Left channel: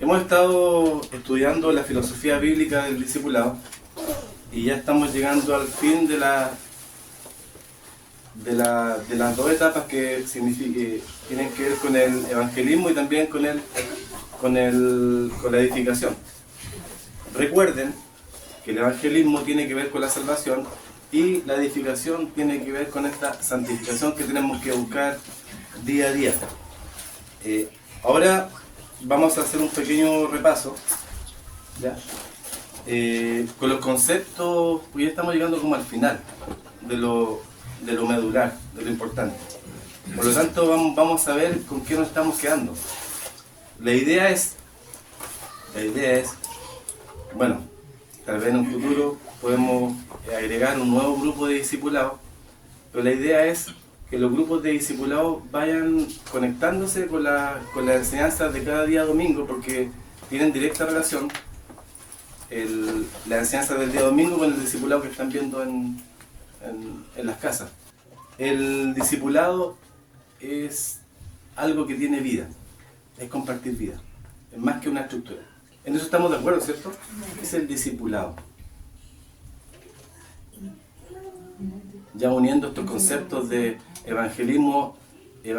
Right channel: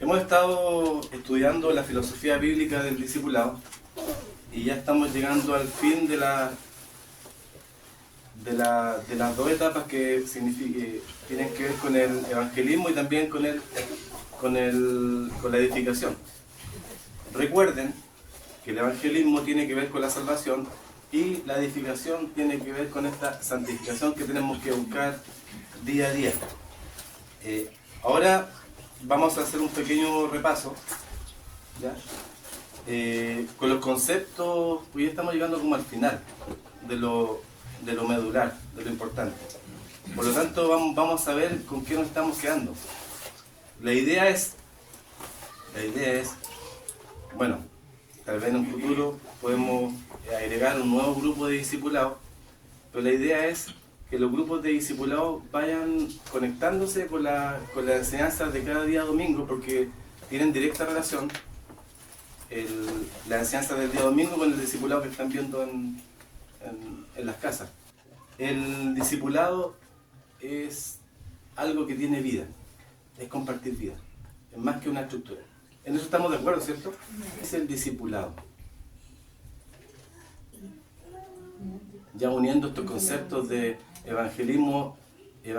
Hemos estado estudiando la filosofía bíblica del discipulado y ya estamos llegando al fin de las dos etapas que tienen que ver con el evangelismo y también con la edificación. Recuerden que el evangelismo tiene que ver con la salvación y la edificación tiene que ver con esta santificación que tenemos que buscar día a día. Ahora vamos a hacer un pequeño repaso, ¿ya? Con los conceptos, pues ya estamos llegando como al final de lo medular, de lo importante. Por lo tanto, vamos a ver con qué nos estamos quedando. La idea es, bueno, tal vez en un futuro podemos agregar un nuevo grupo de discipulados, pero la idea es que los grupos de discipulados vayan conectándose con la enseñanza de cada día domingo, porque tienen directa relación la enseñanza del día domingo con el discipulado que están viendo en las casas. El discipulado es algo que tiene vida, es compartir vida, es más que una estructura. En eso estamos de acuerdo, ¿cierto? Es el discipulado. Ya uniendo estos conceptos de evangelismo e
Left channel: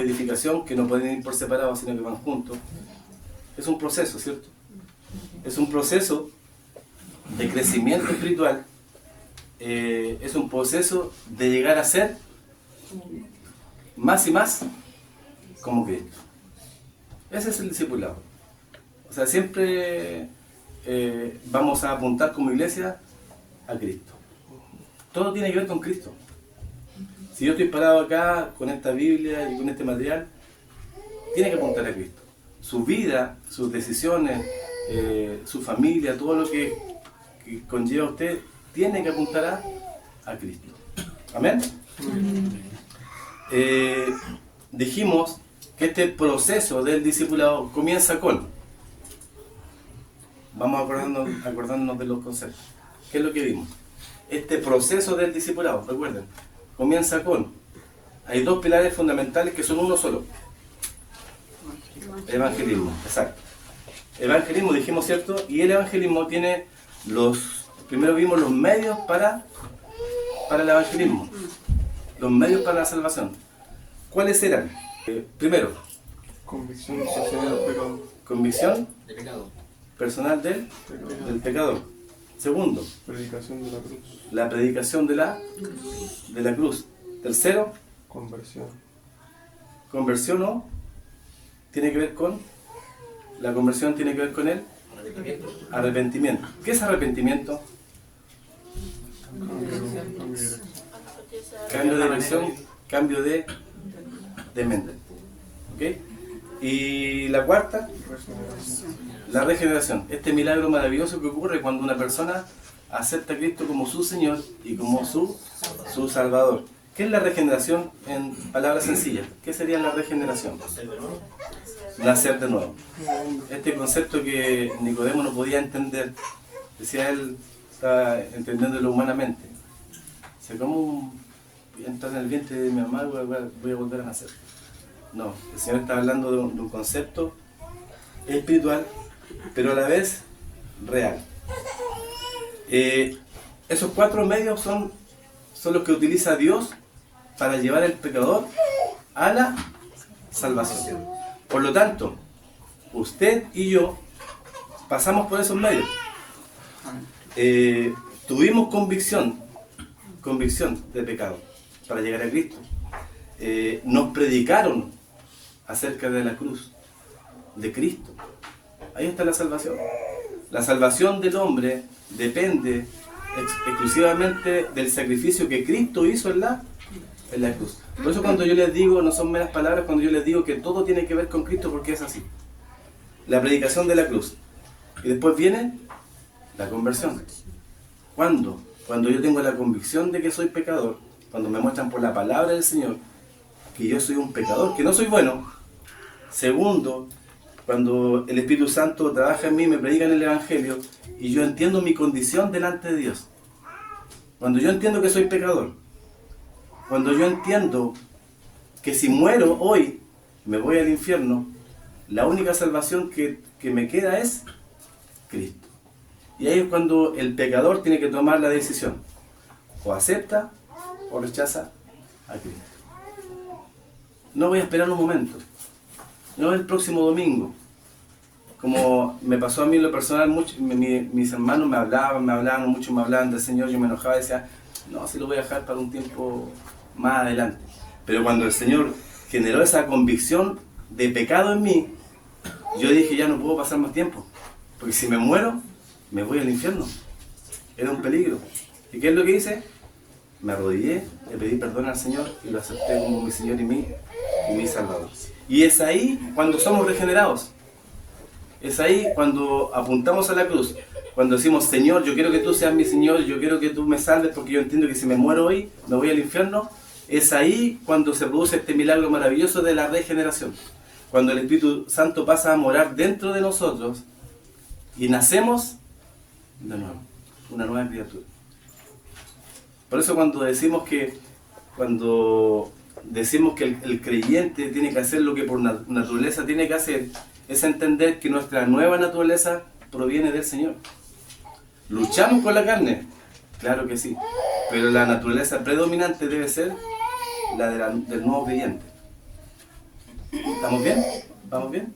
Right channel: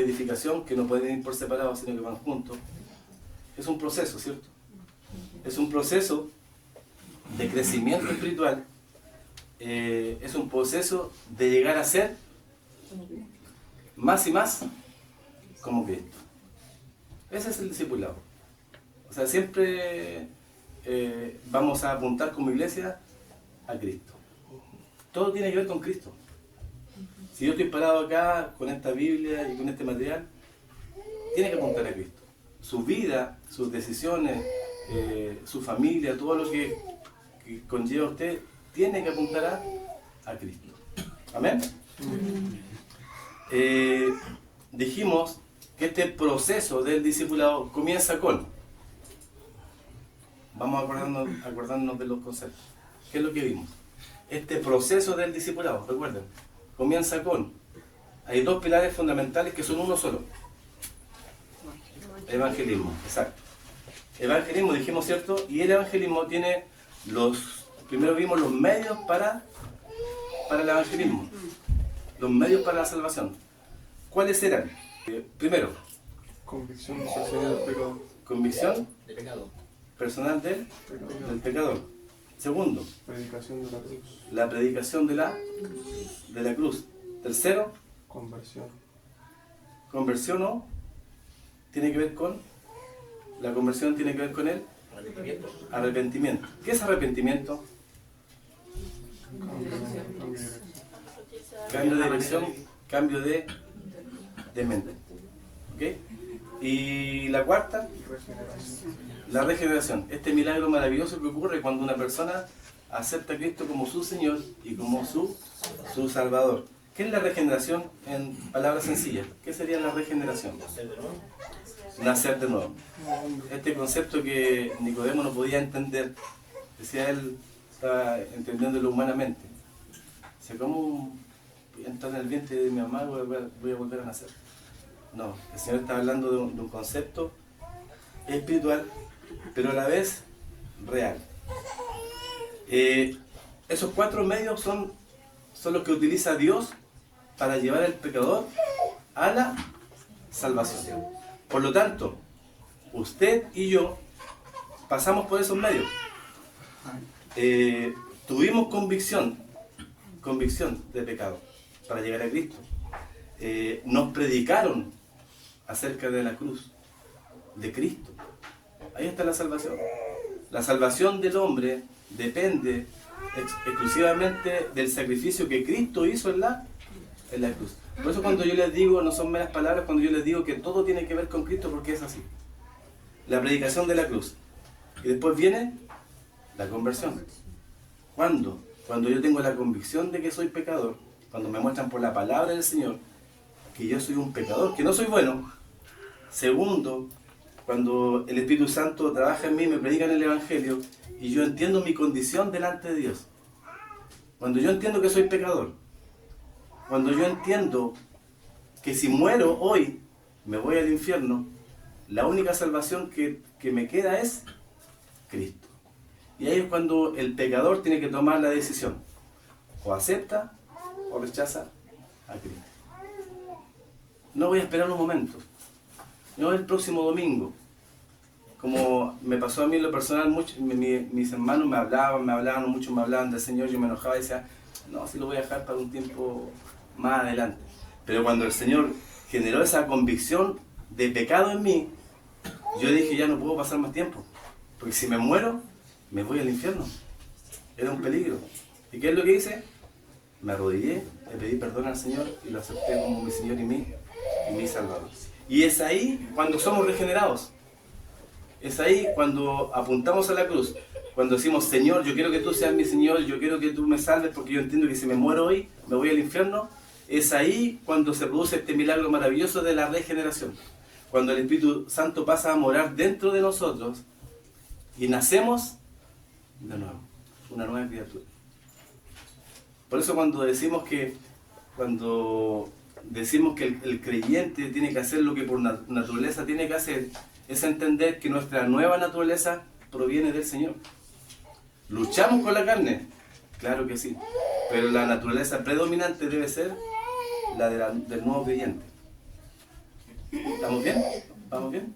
edificación, que no pueden ir por separado, sino que van juntos. Es un proceso, ¿cierto? Es un proceso de crecimiento espiritual, es un proceso de llegar a ser más y más como Cristo. Ese es el discipulado. O sea, siempre vamos a apuntar como iglesia a Cristo. Todo tiene que ver con Cristo. Si yo estoy parado acá con esta Biblia y con este material, tiene que apuntar a Cristo. Su vida, sus decisiones, su familia, todo lo que conlleva a usted, tiene que apuntar a Cristo. ¿Amén? Dijimos que este proceso del discipulado comienza con... Vamos acordándonos de los conceptos. ¿Qué es lo que vimos? Este proceso del discipulado, recuerden, comienza con... Hay dos pilares fundamentales que son uno solo. Evangelismo, exacto. Evangelismo, dijimos, ¿cierto? Y el evangelismo tiene primero vimos los medios para el evangelismo, los medios para la salvación. ¿Cuáles eran? Primero, convicción social del pecado. Convicción De pecado. Personal del pecador. Segundo, Predicación de la cruz. la predicación de la cruz. Tercero, Conversión. conversión, ¿no? Tiene que ver con... La conversión tiene que ver con el arrepentimiento. ¿Qué es arrepentimiento? Cambio de dirección, cambio de mente. ¿Ok? Y la cuarta, la regeneración. Este milagro maravilloso que ocurre cuando una persona acepta a Cristo como su Señor y como su Salvador. ¿Qué es la regeneración en palabras sencillas? ¿Qué sería la regeneración? Nacer de nuevo. Este concepto que Nicodemo no podía entender, decía él, estaba entendiéndolo humanamente. O sea, ¿cómo entrar en el vientre de mi mamá voy a volver a nacer? No, el Señor está hablando de un concepto espiritual, pero a la vez real. Esos cuatro medios son los que utiliza Dios para llevar al pecador a la salvación. Por lo tanto, usted y yo pasamos por esos medios. Tuvimos convicción de pecado para llegar a Cristo. Nos predicaron acerca de la cruz, de Cristo. Ahí está la salvación. La salvación del hombre depende exclusivamente del sacrificio que Cristo hizo en la cruz. Por eso cuando yo les digo, no son meras palabras, cuando yo les digo que todo tiene que ver con Cristo, porque es así. La predicación de la cruz. Y después viene la conversión. ¿Cuándo? Cuando yo tengo la convicción de que soy pecador, cuando me muestran por la palabra del Señor que yo soy un pecador, que no soy bueno. Segundo, cuando el Espíritu Santo trabaja en mí, me predica en el Evangelio y yo entiendo mi condición delante de Dios. Cuando yo entiendo que soy pecador, cuando yo entiendo que si muero hoy me voy al infierno, la única salvación que me queda es Cristo. Y ahí es cuando el pecador tiene que tomar la decisión. O acepta o rechaza a Cristo. No voy a esperar un momento. No el próximo domingo. Como me pasó a mí en lo personal, mis hermanos me hablaban mucho, me hablaban del Señor, yo me enojaba y decía, no, se lo voy a dejar para un tiempo más adelante. Pero cuando el Señor generó esa convicción de pecado en mí, yo dije, ya no puedo pasar más tiempo, porque si me muero, me voy al infierno. Era un peligro. ¿Y qué es lo que hice? Me arrodillé, le pedí perdón al Señor y lo acepté como mi Señor y mi Salvador. Y es ahí cuando somos regenerados. Es ahí cuando apuntamos a la cruz, cuando decimos, Señor, yo quiero que tú seas mi Señor, yo quiero que tú me salves porque yo entiendo que si me muero hoy, me voy al infierno. Es ahí cuando se produce este milagro maravilloso de la regeneración. Cuando el Espíritu Santo pasa a morar dentro de nosotros y nacemos de nuevo, una nueva criatura. Por eso cuando decimos que el creyente tiene que hacer lo que por naturaleza tiene que hacer, es entender que nuestra nueva naturaleza proviene del Señor. ¿Luchamos con la carne? Claro que sí, pero la naturaleza predominante debe ser la del nuevo creyente. ¿Estamos bien? ¿Vamos bien?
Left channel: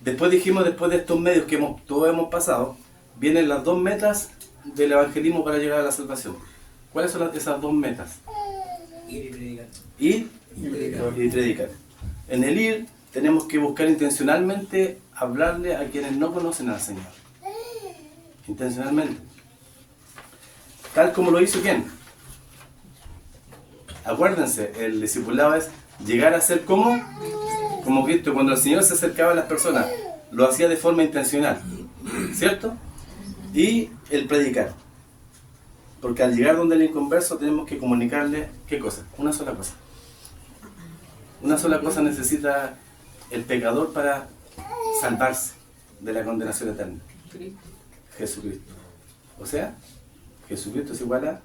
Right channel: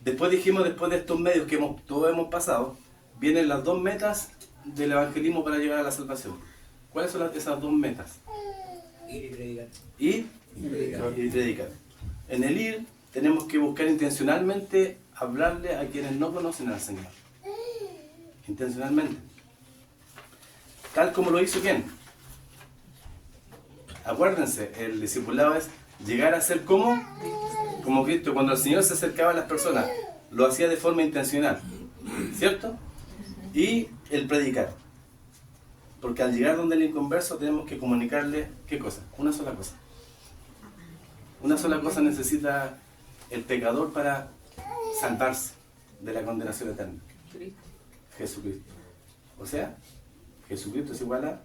Después dijimos, después de estos medios que todos hemos pasado, vienen las dos metas del evangelismo para llegar a la salvación. ¿Cuáles son esas dos metas? Ir y predicar. Ir y predicar. En el ir tenemos que buscar intencionalmente hablarle a quienes no conocen al Señor. Intencionalmente. Tal como lo hizo ¿quién? Acuérdense, el discipulado es llegar a ser como Cristo. Cuando el Señor se acercaba a las personas, lo hacía de forma intencional, ¿cierto? Y el predicar. Porque al llegar donde el inconverso tenemos que comunicarle, ¿qué cosa? Una sola cosa. Una sola cosa necesita el pecador para salvarse de la condenación eterna. Jesucristo. O sea, Jesucristo es igual a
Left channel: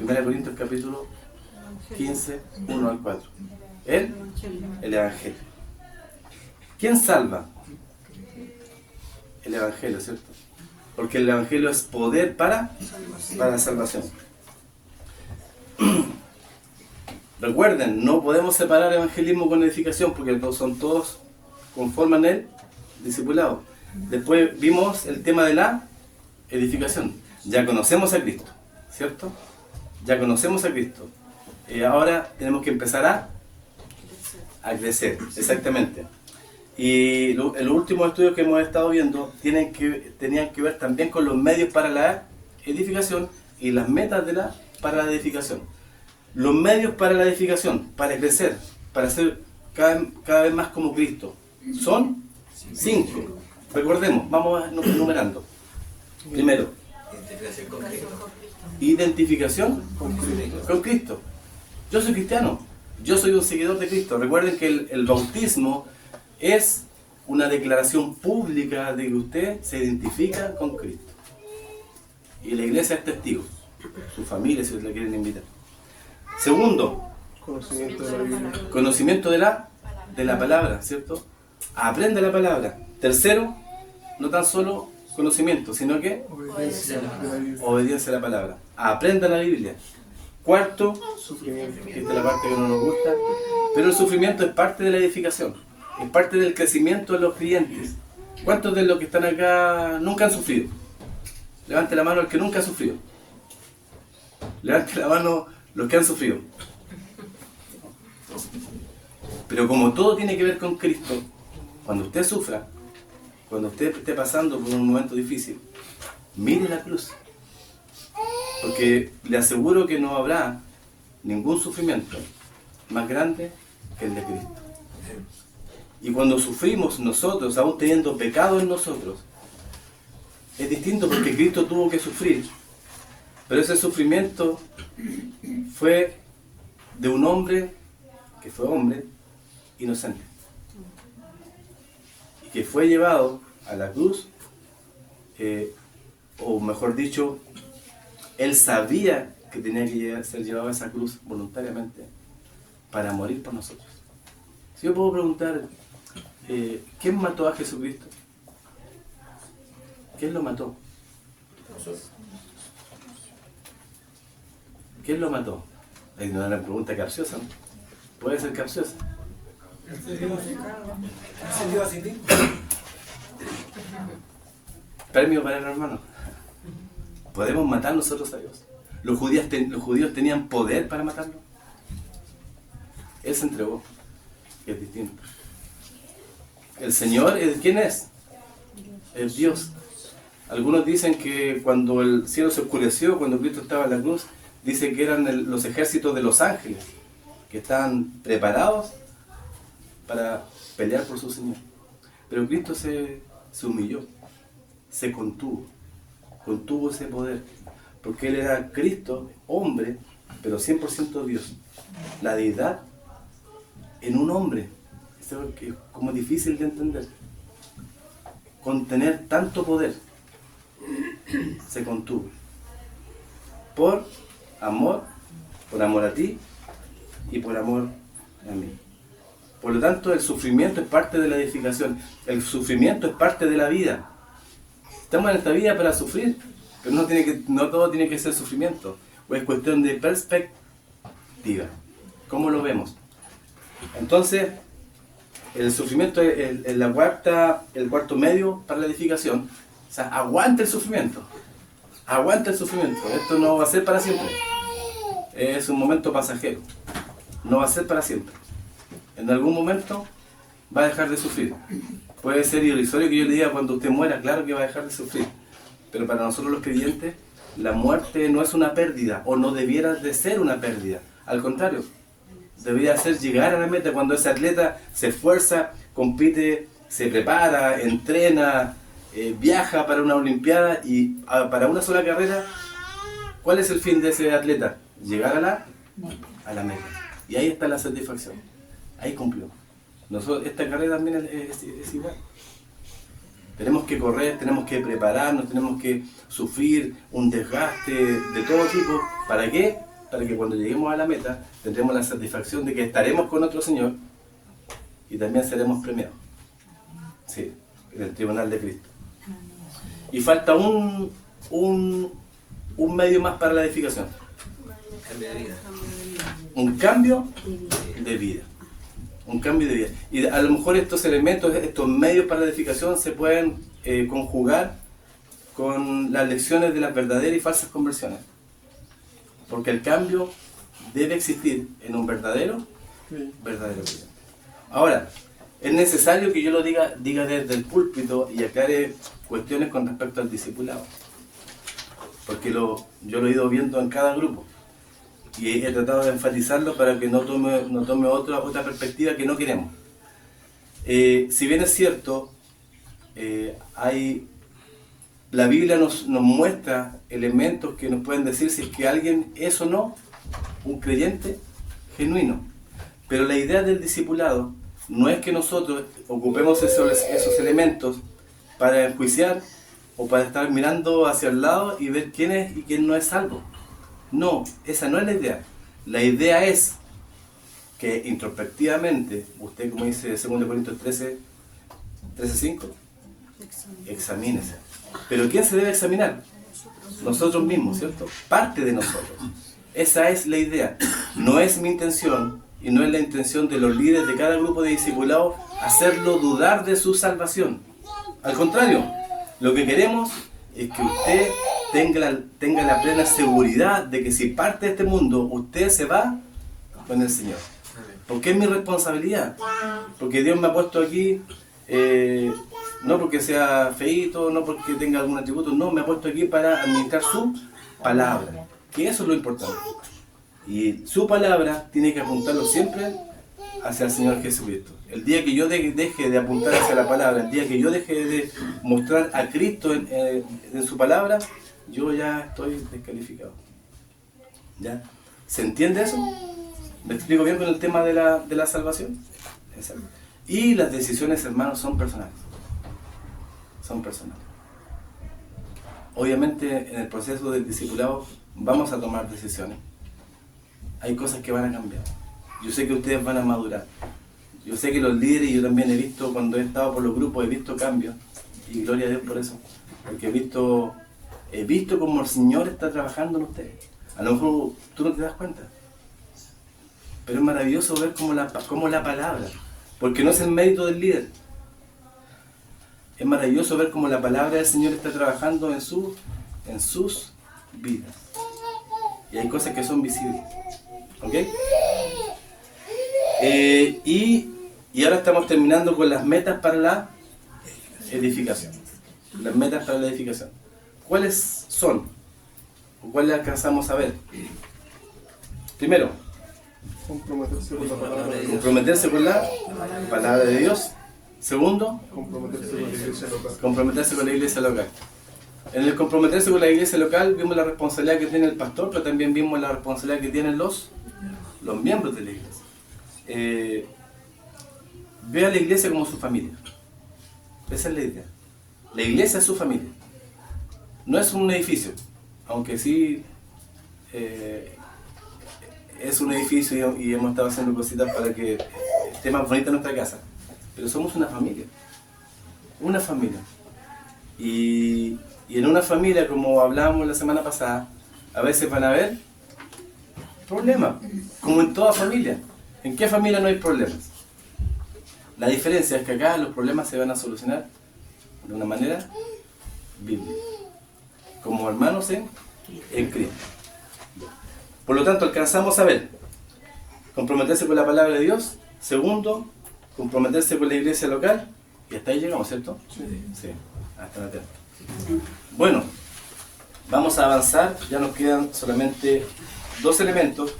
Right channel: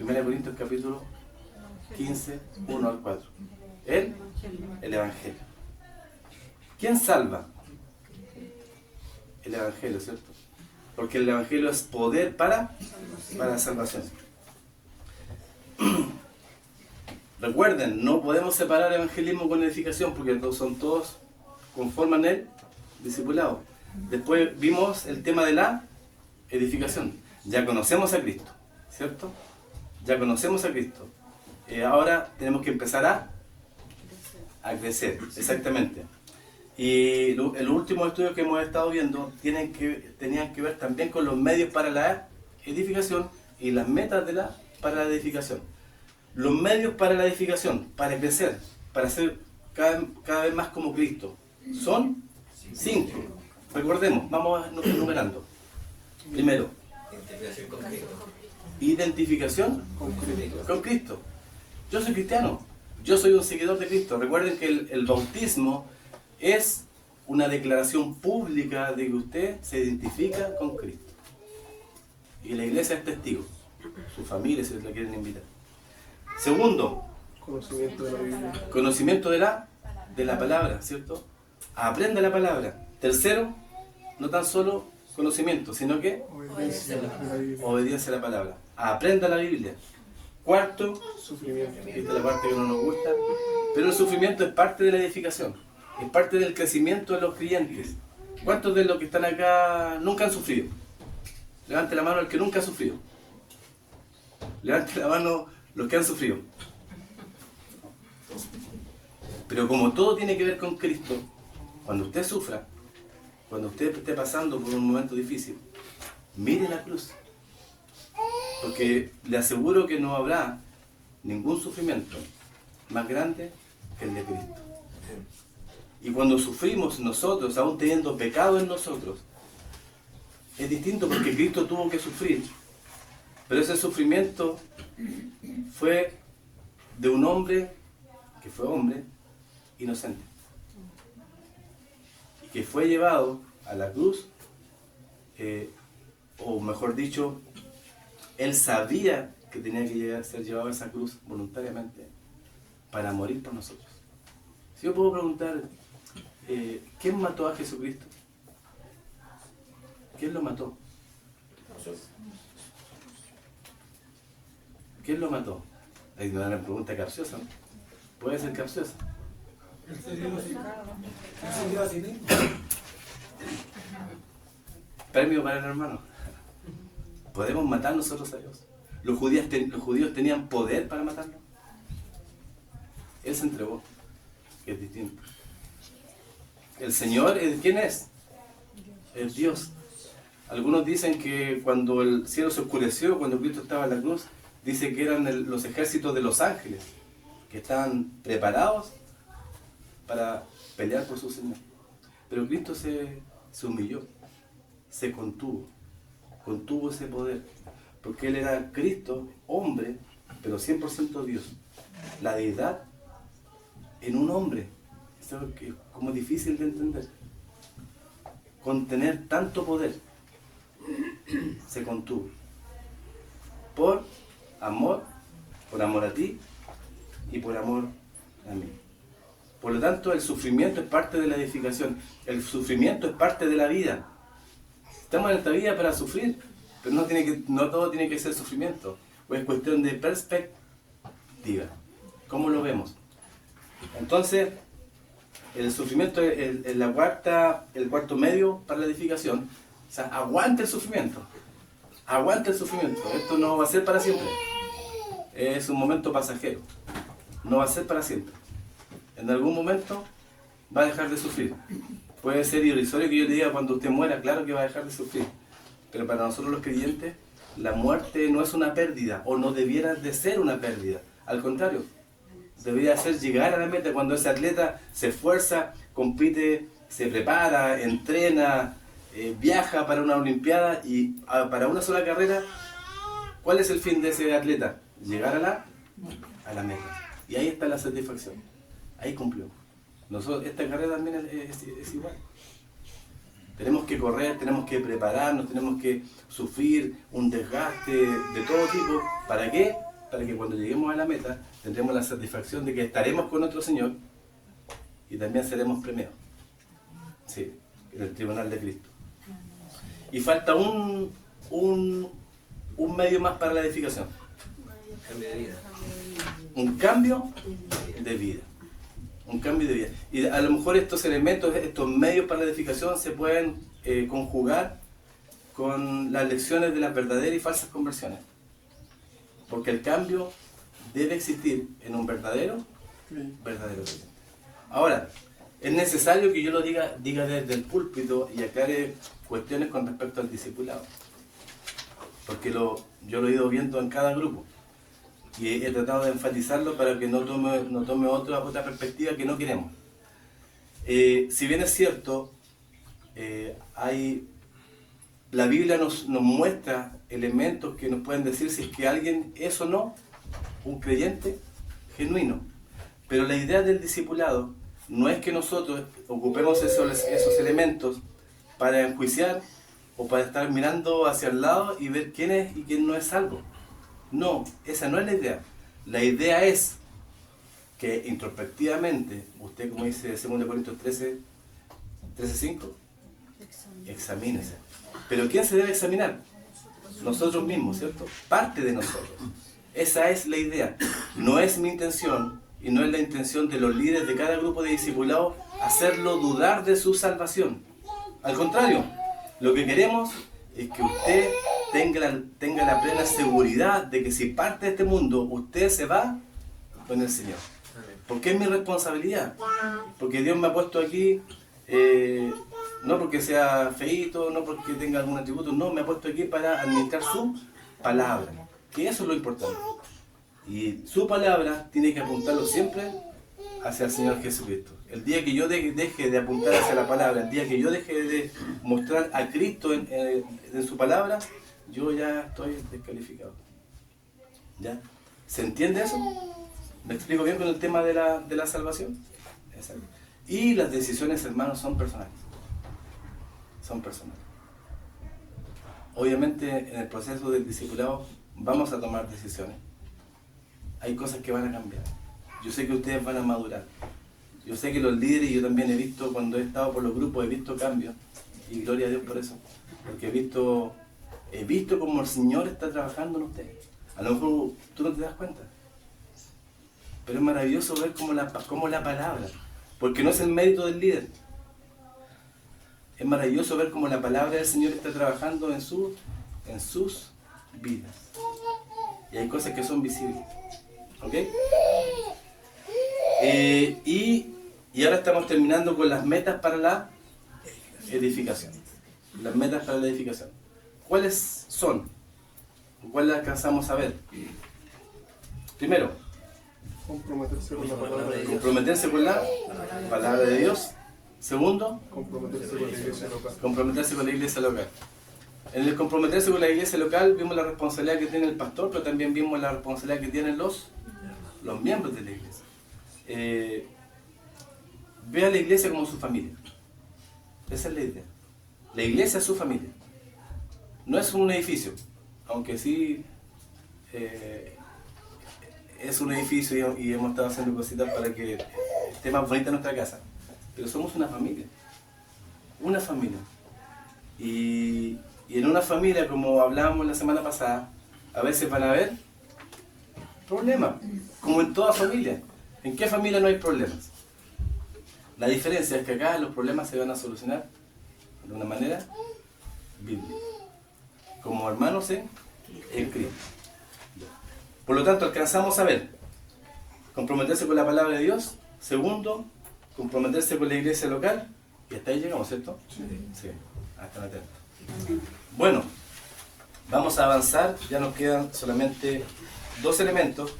1 Corintios capítulo 15, 1 al 4. El Evangelio. ¿Quién salva? El Evangelio, ¿cierto? Porque el Evangelio es poder para salvación. Recuerden, no podemos separar evangelismo con edificación porque son todos conforman el discipulado. Después vimos el tema de la edificación. Ya conocemos a Cristo, ¿cierto? Ya conocemos a Cristo. Ahora tenemos que empezar a crecer, exactamente. Y los últimos estudios que hemos estado viendo tenían que ver también con los medios para la edificación y las metas para la edificación. Los medios para la edificación, para crecer, para ser cada vez más como Cristo, son 5. Recordemos, vamos enumerando. Primero, identificación con Cristo. Yo soy cristiano, yo soy un seguidor de Cristo. Recuerden que el bautismo es una declaración pública de que usted se identifica con Cristo. Y la iglesia es testigo, su familia si la quieren invitar. Segundo, conocimiento de la palabra, ¿cierto? Aprende la palabra. Tercero, no tan solo conocimiento, sino que obediencia a la palabra. Aprenda la Biblia. Cuarto, sufrimiento. Esta es la parte que no nos gusta, pero el sufrimiento es parte de la edificación, es parte del crecimiento de los creyentes. ¿Cuántos de los que están acá nunca han sufrido? Levante la mano el que nunca ha sufrido. Levante la mano los que han sufrido. Pero como todo tiene que ver con Cristo, cuando usted sufra, cuando usted esté pasando por un momento difícil, mire la cruz. Porque le aseguro que no habrá ningún sufrimiento más grande que el de Cristo. Y cuando sufrimos nosotros, aún teniendo pecado en nosotros, es distinto porque Cristo tuvo que sufrir. Pero ese sufrimiento fue de un hombre que fue hombre inocente. Y que fue llevado a la cruz, o mejor dicho, él sabía que tenía que ser llevado a esa cruz voluntariamente para morir por nosotros. Si yo puedo preguntar, ¿quién mató a Jesucristo? ¿Quién lo mató? ¿Quién lo mató? Es una pregunta capciosa, ¿no? Puede ser capciosa. Él se dio a sí mismo. Premio para el hermano. ¿Podemos matar nosotros a Dios? ¿Los judíos tenían poder para matarlo? Él se entregó, que es distinto. El Señor, ¿quién es? Es Dios. Algunos dicen que cuando el cielo se oscureció, cuando Cristo estaba en la cruz, dice que eran los ejércitos de los ángeles, que estaban preparados para pelear por su Señor. Pero Cristo se humilló, se contuvo ese poder, porque Él era Cristo, hombre, pero 100% Dios. La deidad en un hombre, es algo que es como difícil de entender. Contener tanto poder, se contuvo. Por amor a ti y por amor a mí. Por lo tanto, el sufrimiento es parte de la edificación. El sufrimiento es parte de la vida. Estamos en esta vida para sufrir, pero no todo tiene que ser sufrimiento. O es cuestión de perspectiva. ¿Cómo lo vemos? Entonces, el sufrimiento es el cuarto medio para la edificación. O sea, aguanta el sufrimiento. Aguanta el sufrimiento. Esto no va a ser para siempre. Es un momento pasajero. No va a ser para siempre. En algún momento va a dejar de sufrir. Puede ser irrisorio que yo le diga cuando usted muera, claro que va a dejar de sufrir. Pero para nosotros los creyentes, la muerte no es una pérdida, o no debiera de ser una pérdida. Al contrario, debería ser llegar a la meta. Cuando ese atleta se esfuerza, compite, se prepara, entrena, viaja para una olimpiada y para una sola carrera, ¿cuál es el fin de ese atleta? Llegar a la meta. Y ahí está la satisfacción. Ahí cumplió. Esta carrera también es igual. Tenemos que correr, tenemos que prepararnos, tenemos que sufrir un desgaste de todo tipo. ¿Para qué? Para que cuando lleguemos a la meta tendremos la satisfacción de que estaremos con nuestro Señor y también seremos premiados. Sí, en el tribunal de Cristo. Y falta un medio más para la edificación. Cambio de vida. Un cambio de vida. Un cambio de vida. Y a lo mejor estos elementos, estos medios para la edificación se pueden conjugar con las lecciones de las verdaderas y falsas conversiones. Porque el cambio debe existir en un verdadero creyente. Ahora, es necesario que yo lo diga desde el púlpito y aclare cuestiones con respecto al discipulado. Porque yo lo he ido viendo en cada grupo. Y he tratado de enfatizarlo para que no tome otra perspectiva que no queremos. Si bien es cierto, la Biblia nos muestra elementos que nos pueden decir si es que alguien es o no un creyente genuino. Pero la idea del discipulado no es que nosotros ocupemos esos elementos para enjuiciar o para estar mirando hacia el lado y ver quién es y quién no es salvo. No, esa no es la idea. La idea es que introspectivamente, usted, como dice 2 Corintios 13:5, examínese. ¿Pero quién se debe examinar? Nosotros mismos, ¿cierto? Parte de nosotros. Esa es la idea. No es mi intención y no es la intención de los líderes de cada grupo de discipulados hacerlo dudar de su salvación. Al contrario, lo que queremos es que usted tenga la plena seguridad de que si parte de este mundo, usted se va con el Señor. Porque es mi responsabilidad. Porque Dios me ha puesto aquí, no porque sea feíto, no porque tenga algún atributo, no, me ha puesto aquí para administrar su palabra. Que eso es lo importante. Y su palabra tiene que apuntarlo siempre hacia el Señor Jesucristo. El día que yo deje de apuntar hacia la palabra, el día que yo deje de mostrar a Cristo en su palabra, yo ya estoy descalificado. ¿Ya? ¿Se entiende eso? ¿Me explico bien con el tema de la salvación? Exacto. Y las decisiones, hermanos, son personales. Son personales. Obviamente, en el proceso del discipulado vamos a tomar decisiones. Hay cosas que van a cambiar. Yo sé que ustedes van a madurar. Yo sé que los líderes, yo también he visto, cuando he estado por los grupos, he visto cambios. Y gloria a Dios por eso. Porque he visto cómo el Señor está trabajando en ustedes. A lo mejor tú no te das cuenta. Pero es maravilloso ver cómo la palabra, porque no es el mérito del líder. Es maravilloso ver cómo la palabra del Señor está trabajando en sus vidas. Y hay cosas que son visibles. ¿Ok? Y ahora estamos terminando con las metas para la edificación. Las metas para la edificación. ¿Cuáles son? ¿O cuáles alcanzamos a ver? Primero, Comprometerse con la palabra de Dios. comprometerse con la palabra de Dios. Segundo, Comprometerse con la iglesia local. comprometerse con la iglesia local. En el comprometerse con la iglesia local vimos la responsabilidad que tiene el pastor, pero también vimos la responsabilidad que tienen los miembros de la iglesia. Ve a la iglesia como su familia. Esa es la idea. La iglesia es su familia. No es un edificio, aunque sí es un edificio y hemos estado haciendo cositas para que esté más bonita nuestra casa. Pero somos una familia. Una familia. Y en una familia, como hablábamos la semana pasada, a veces van a haber problemas, como en toda familia. ¿En qué familia no hay problemas? La diferencia es que acá los problemas se van a solucionar de una manera bíblica, como hermanos en Cristo. Por lo tanto, alcanzamos a ver, comprometerse con la palabra de Dios. Segundo, comprometerse con la iglesia local. Y hasta ahí llegamos, ¿cierto? Sí, hasta la tercera. Bueno, vamos a avanzar. Ya nos quedan solamente 2 elementos.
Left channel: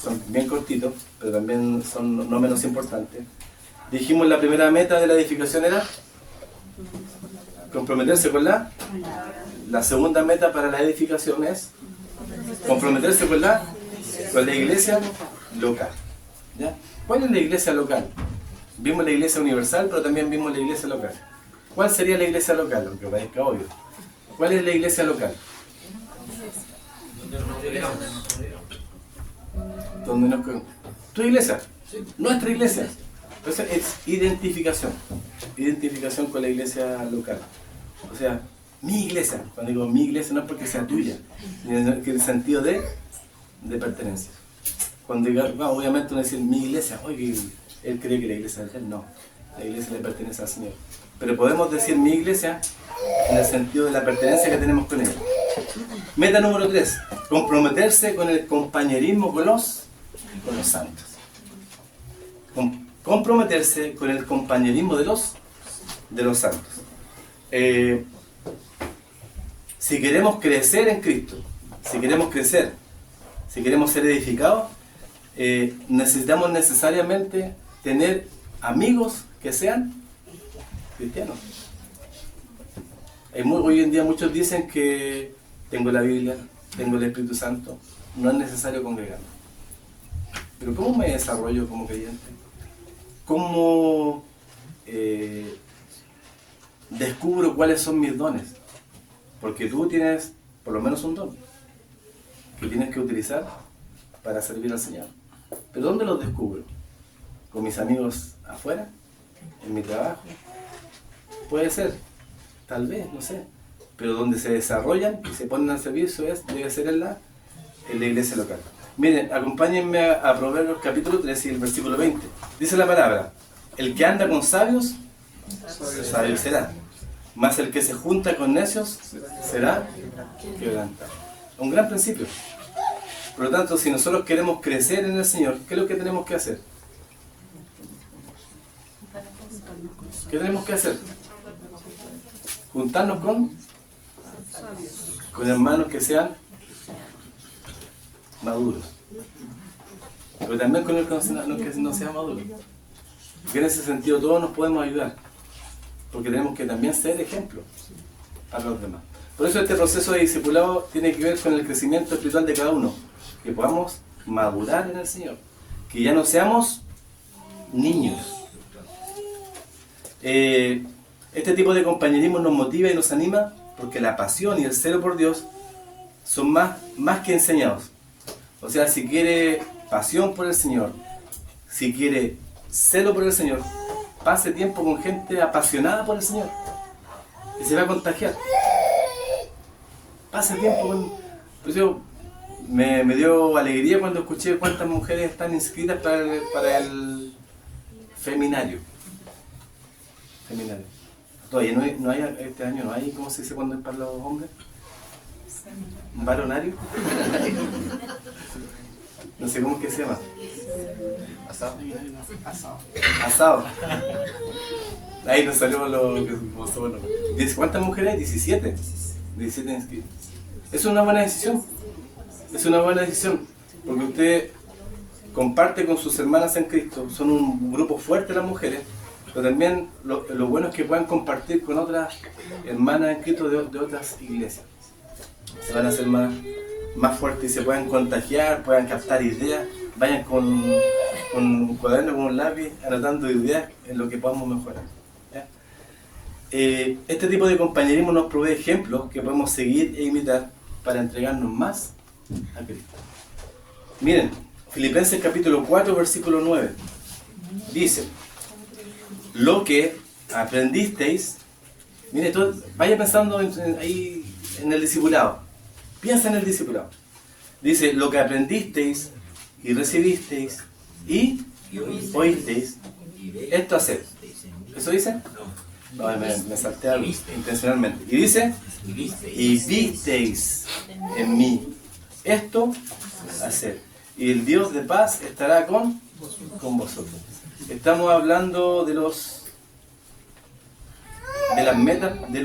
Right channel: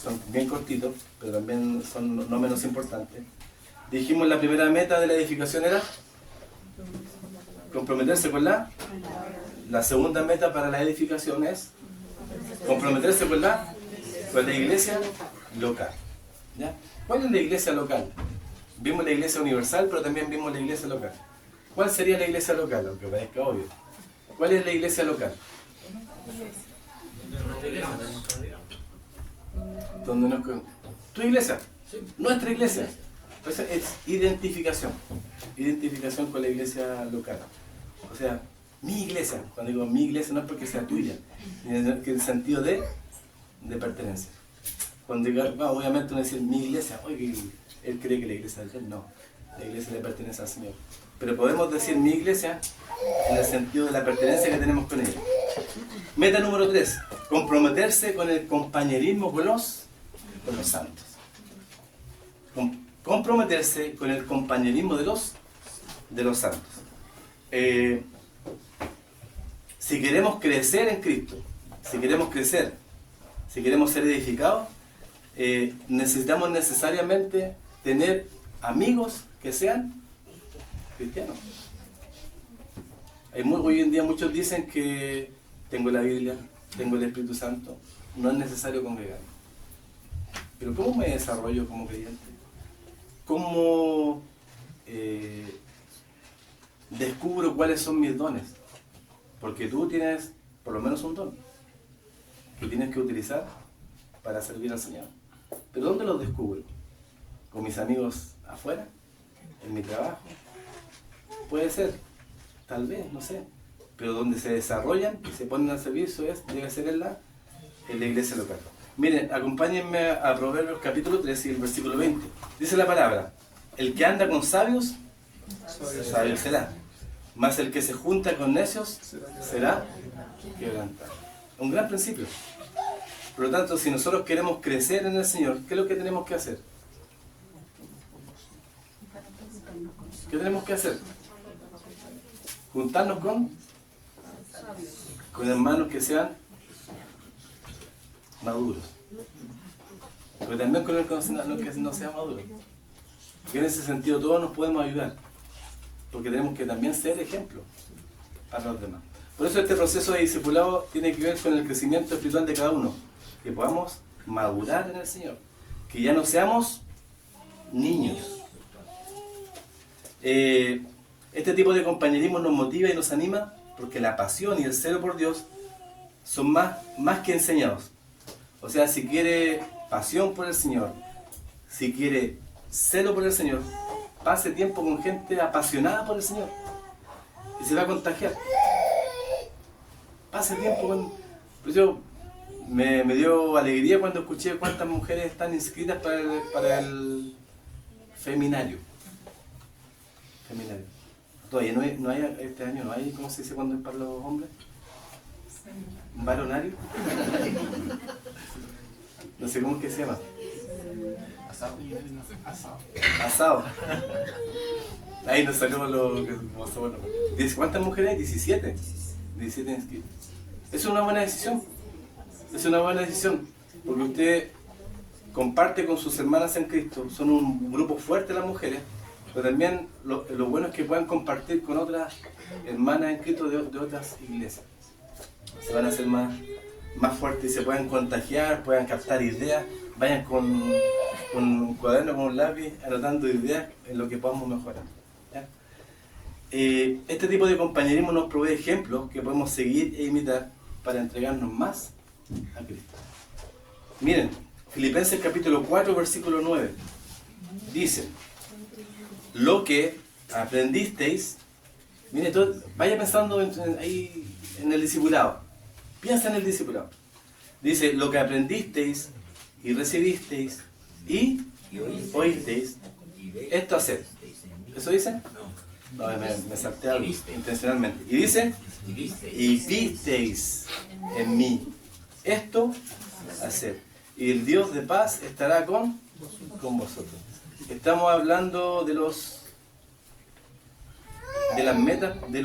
Son bien cortitos, pero también son no menos importantes. Dijimos la primera meta de la edificación era comprometerse con la segunda meta para la edificación es comprometerse con la iglesia local. ¿Ya? ¿Cuál es la iglesia local? Vimos la iglesia universal, pero también vimos la iglesia local. ¿Cuál sería la iglesia local? Aunque parezca obvio. ¿Cuál es la iglesia local? ¿Dónde nos quedamos? ¿Tu iglesia? Nuestra iglesia. Entonces es identificación. Identificación con la iglesia local. O sea, mi iglesia. Cuando digo mi iglesia no es porque sea tuya, en el sentido de pertenencia. Cuando diga, obviamente uno dice mi iglesia, oye, él cree que la iglesia es de él. No, la iglesia le pertenece al Señor. Pero podemos decir mi iglesia en el sentido de la pertenencia que tenemos con él. Meta número 3, comprometerse con el compañerismo con los santos. Comprometerse con el compañerismo de los santos. Si queremos crecer en Cristo, si queremos crecer, si queremos ser edificados, necesitamos necesariamente tener amigos que sean cristianos. Hoy en día muchos dicen que tengo la Biblia, tengo el Espíritu Santo, no es necesario congregarme. Pero ¿cómo me desarrollo como creyente? ¿Cómo descubro cuáles son mis dones? Porque tú tienes por lo menos un don que tienes que utilizar para servir al Señor. ¿Pero dónde los descubro? ¿Con mis amigos afuera? ¿En mi trabajo? Puede ser, tal vez, no sé. Pero donde se desarrollan y se ponen al servicio debe ser en la iglesia local. Miren, acompáñenme a Proverbios capítulo 13 y el versículo 20. Dice la palabra: el que anda con sabios, sabio será. Mas el que se junta con necios será quebrantado. Un gran principio. Por lo tanto, si nosotros queremos crecer en el Señor, ¿qué es lo que tenemos que hacer? ¿Qué tenemos que hacer? Juntarnos con hermanos que sean maduros. Pero también con los que no sean maduros. Porque en ese sentido todos nos podemos ayudar. Porque tenemos que también ser ejemplo para los demás. Por eso este proceso de discipulado tiene que ver con el crecimiento espiritual de cada uno. Que podamos madurar en el Señor. Que ya no seamos niños. Este tipo de compañerismo nos motiva y nos anima porque la pasión y el celo por Dios son más que enseñados. O sea, si quiere pasión por el Señor, si quiere celo por el Señor, pase tiempo con gente apasionada por el Señor, que se va a contagiar. Pase tiempo con... Pues yo me dio alegría cuando escuché cuántas mujeres están inscritas para el feminario. Feminario. Todavía no hay, este año no hay, ¿cómo se dice cuando es para los hombres? ¿Un varonario? No sé cómo es que se llama. Asado. Asado. Ahí nos salió lo que pasó. Bueno. ¿Cuántas mujeres hay? 17. 17 inscritas. Es una buena decisión. Es una buena decisión. Porque usted comparte con sus hermanas en Cristo. Son un grupo fuerte las mujeres. Pero también lo bueno es que puedan compartir con otras hermanas en Cristo de otras iglesias. Se van a hacer más fuertes y se puedan contagiar, puedan captar ideas. Vayan con un cuaderno, con un lápiz, anotando ideas en lo que podamos mejorar. ¿Ya? Este tipo de compañerismo nos provee ejemplos que podemos seguir e imitar para entregarnos más a Cristo. Miren, Filipenses capítulo 4, versículo 9. Dice, lo que aprendisteis, miren, vaya pensando ahí en el discipulado. Piensa en el discipulado. Dice, lo que aprendisteis y recibisteis y oísteis, esto haced. ¿Eso dice? No, me salté algo intencionalmente. Y dice, y visteis en mí, esto haced. Y el Dios de paz estará con vosotros. Estamos hablando de las metas, de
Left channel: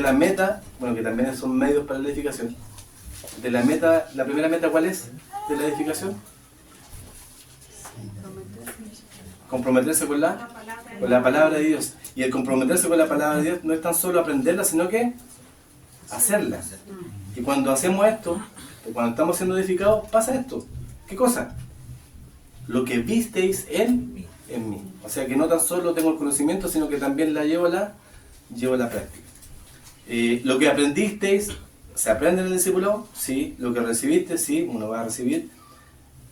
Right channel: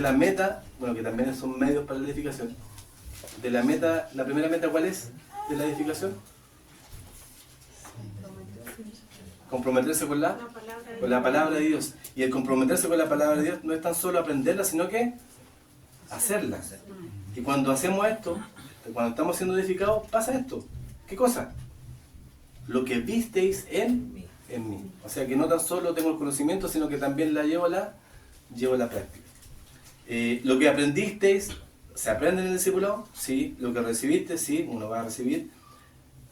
la meta, bueno, que también son medios para la edificación. De la meta, la primera meta, ¿cuál es? De la edificación. Comprometerse con la palabra de Dios. Y el comprometerse con la palabra de Dios no es tan solo aprenderla, sino que hacerla. Y cuando hacemos esto, cuando estamos siendo edificados, pasa esto. ¿Qué cosa? Lo que visteis en mí. O sea que no tan solo tengo el conocimiento, sino que también la llevo a la práctica. Lo que aprendisteis, ¿se aprende en el discípulo? Sí. Lo que recibiste, sí, uno va a recibir.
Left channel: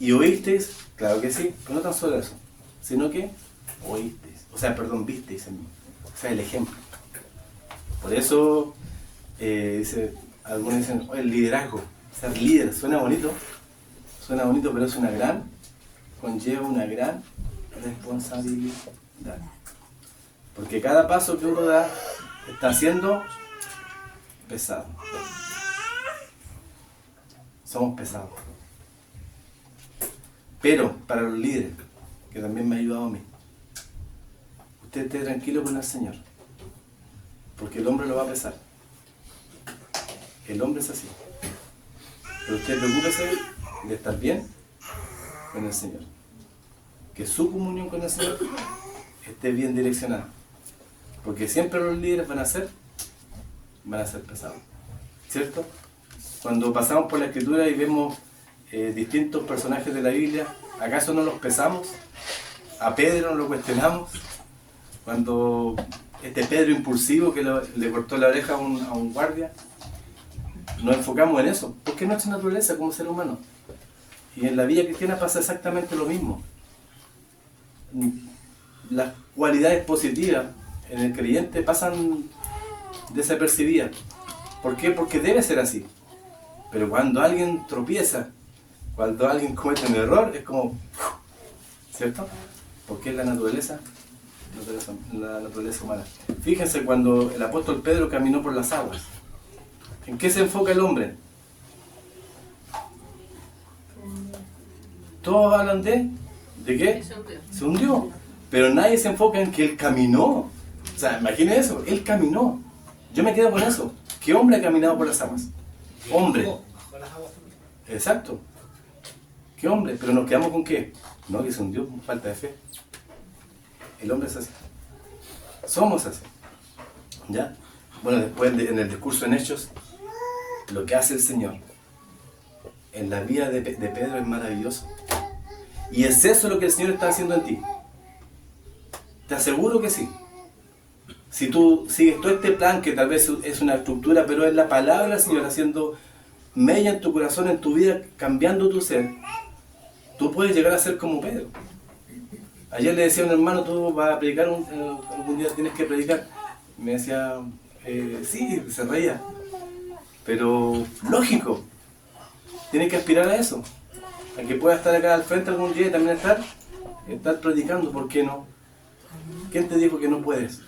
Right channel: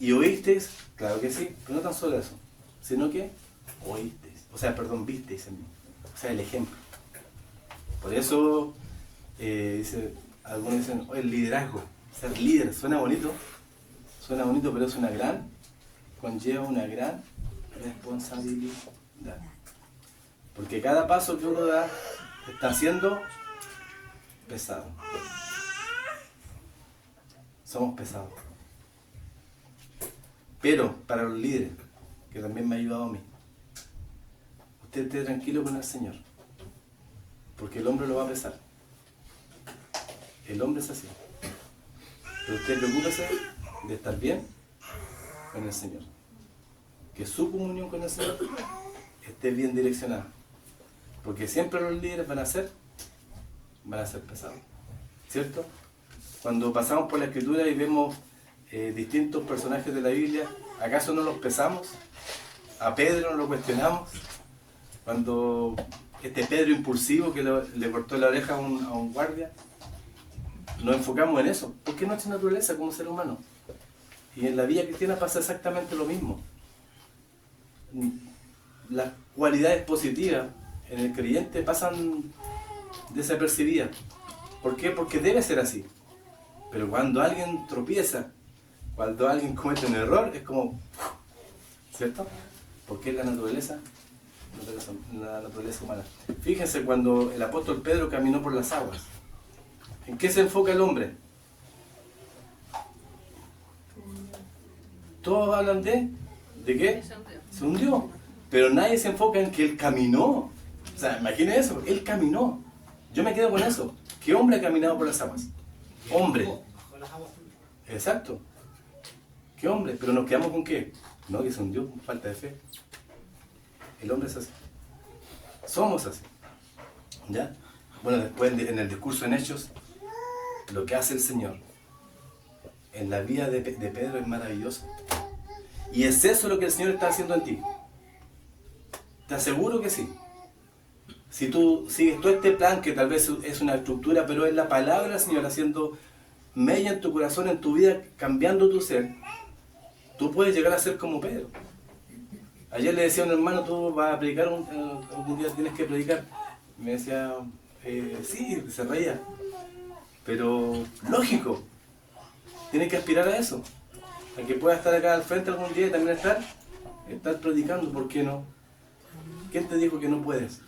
¿Y oísteis? Claro que sí, pero no tan solo eso, sino que oísteis. O sea, perdón, visteis en mí. O sea, el ejemplo. Por eso, algunos dicen, el liderazgo, ser líder, suena bonito, pero es conlleva una gran responsabilidad. Porque cada paso que uno da está siendo pesado. Somos pesados. Pero para los líderes, que también me ha ayudado a mí, usted esté tranquilo con el Señor, porque el hombre lo va a pesar. El hombre es así. Pero usted preocúpese de estar bien con el Señor. Que su comunión con el Señor esté bien direccionada. Porque siempre los líderes van a ser pesados. ¿Cierto? Cuando pasamos por la Escritura y vemos distintos personajes de la Biblia, ¿acaso no los pesamos? A Pedro no lo cuestionamos. Cuando este Pedro impulsivo que le cortó la oreja a un guardia, nos enfocamos en eso, porque es nuestra naturaleza como ser humano. Y en la vida cristiana pasa exactamente lo mismo. Las cualidades positivas en el creyente pasan desapercibidas. ¿Por qué? Porque debe ser así. Pero cuando alguien tropieza, cuando alguien comete un error, es como... ¿Cierto? Porque es la naturaleza humana. Fíjense cuando el apóstol Pedro caminó por las aguas. ¿En qué se enfoca el hombre? Todos hablan ¿de qué? Se hundió. Pero nadie se enfoca en que él caminó. O sea, imaginen eso, él caminó. Yo me quedo con eso. ¿Qué hombre ha caminado por las aguas? Hombre. Exacto. ¿Qué hombre? Pero nos quedamos con ¿qué? No, que se hundió por falta de fe. El hombre es así. Somos así. ¿Ya? Bueno, después en el discurso en Hechos, lo que hace el Señor en la vida de Pedro es maravilloso. Y es eso lo que el Señor está haciendo en ti. Te aseguro que sí. Si tú sigues todo este plan, que tal vez es una estructura, pero es la palabra del Señor haciendo mella en tu corazón, en tu vida, cambiando tu ser, tú puedes llegar a ser como Pedro. Ayer le decía a un hermano, tú vas a predicar, algún día tienes que predicar. Y me decía, sí, se reía. Pero lógico, tienes que aspirar a eso. A que puedas estar acá al frente algún día y también estar predicando. ¿Por qué no? ¿Quién te dijo que no puedes?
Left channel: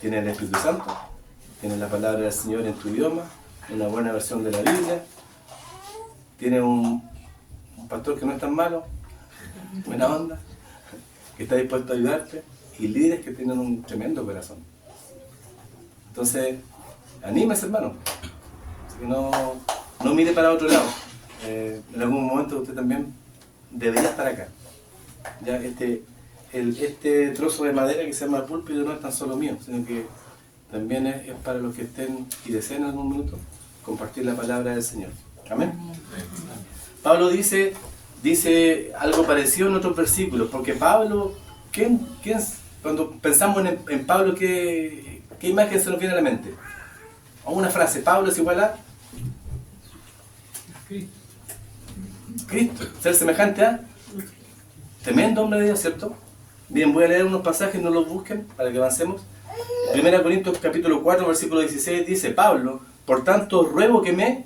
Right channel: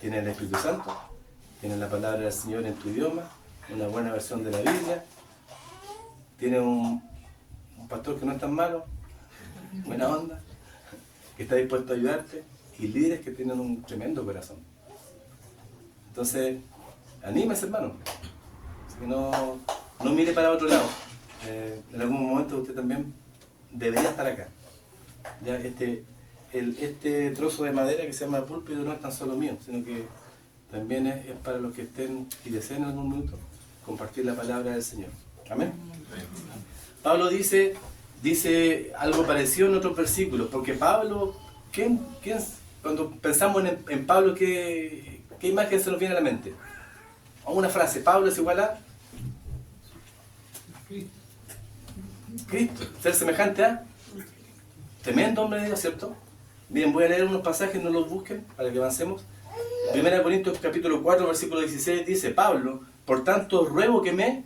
Tienes el Espíritu Santo, tienes la palabra del Señor en tu idioma, una buena versión de la Biblia, tienes un pastor que no es tan malo, buena onda, que está dispuesto a ayudarte, y líderes que tienen un tremendo corazón. Entonces, anímese, hermano. No mire para otro lado. En algún momento usted también debería estar acá. Ya este trozo de madera que se llama púlpito no es tan solo mío, sino que también es para los que estén y deseen en algún momento compartir la palabra del Señor. Amén. Pablo dice algo parecido en otros versículos, porque Pablo, cuando pensamos en Pablo, ¿qué imagen se nos viene a la mente? O una frase, Pablo es igual a Cristo, ser semejante a tremendo hombre de Dios, ¿cierto? Bien, voy a leer unos pasajes, no los busquen para que avancemos. 1 Corintios capítulo 4, versículo 16 dice, Pablo, por tanto ruego que me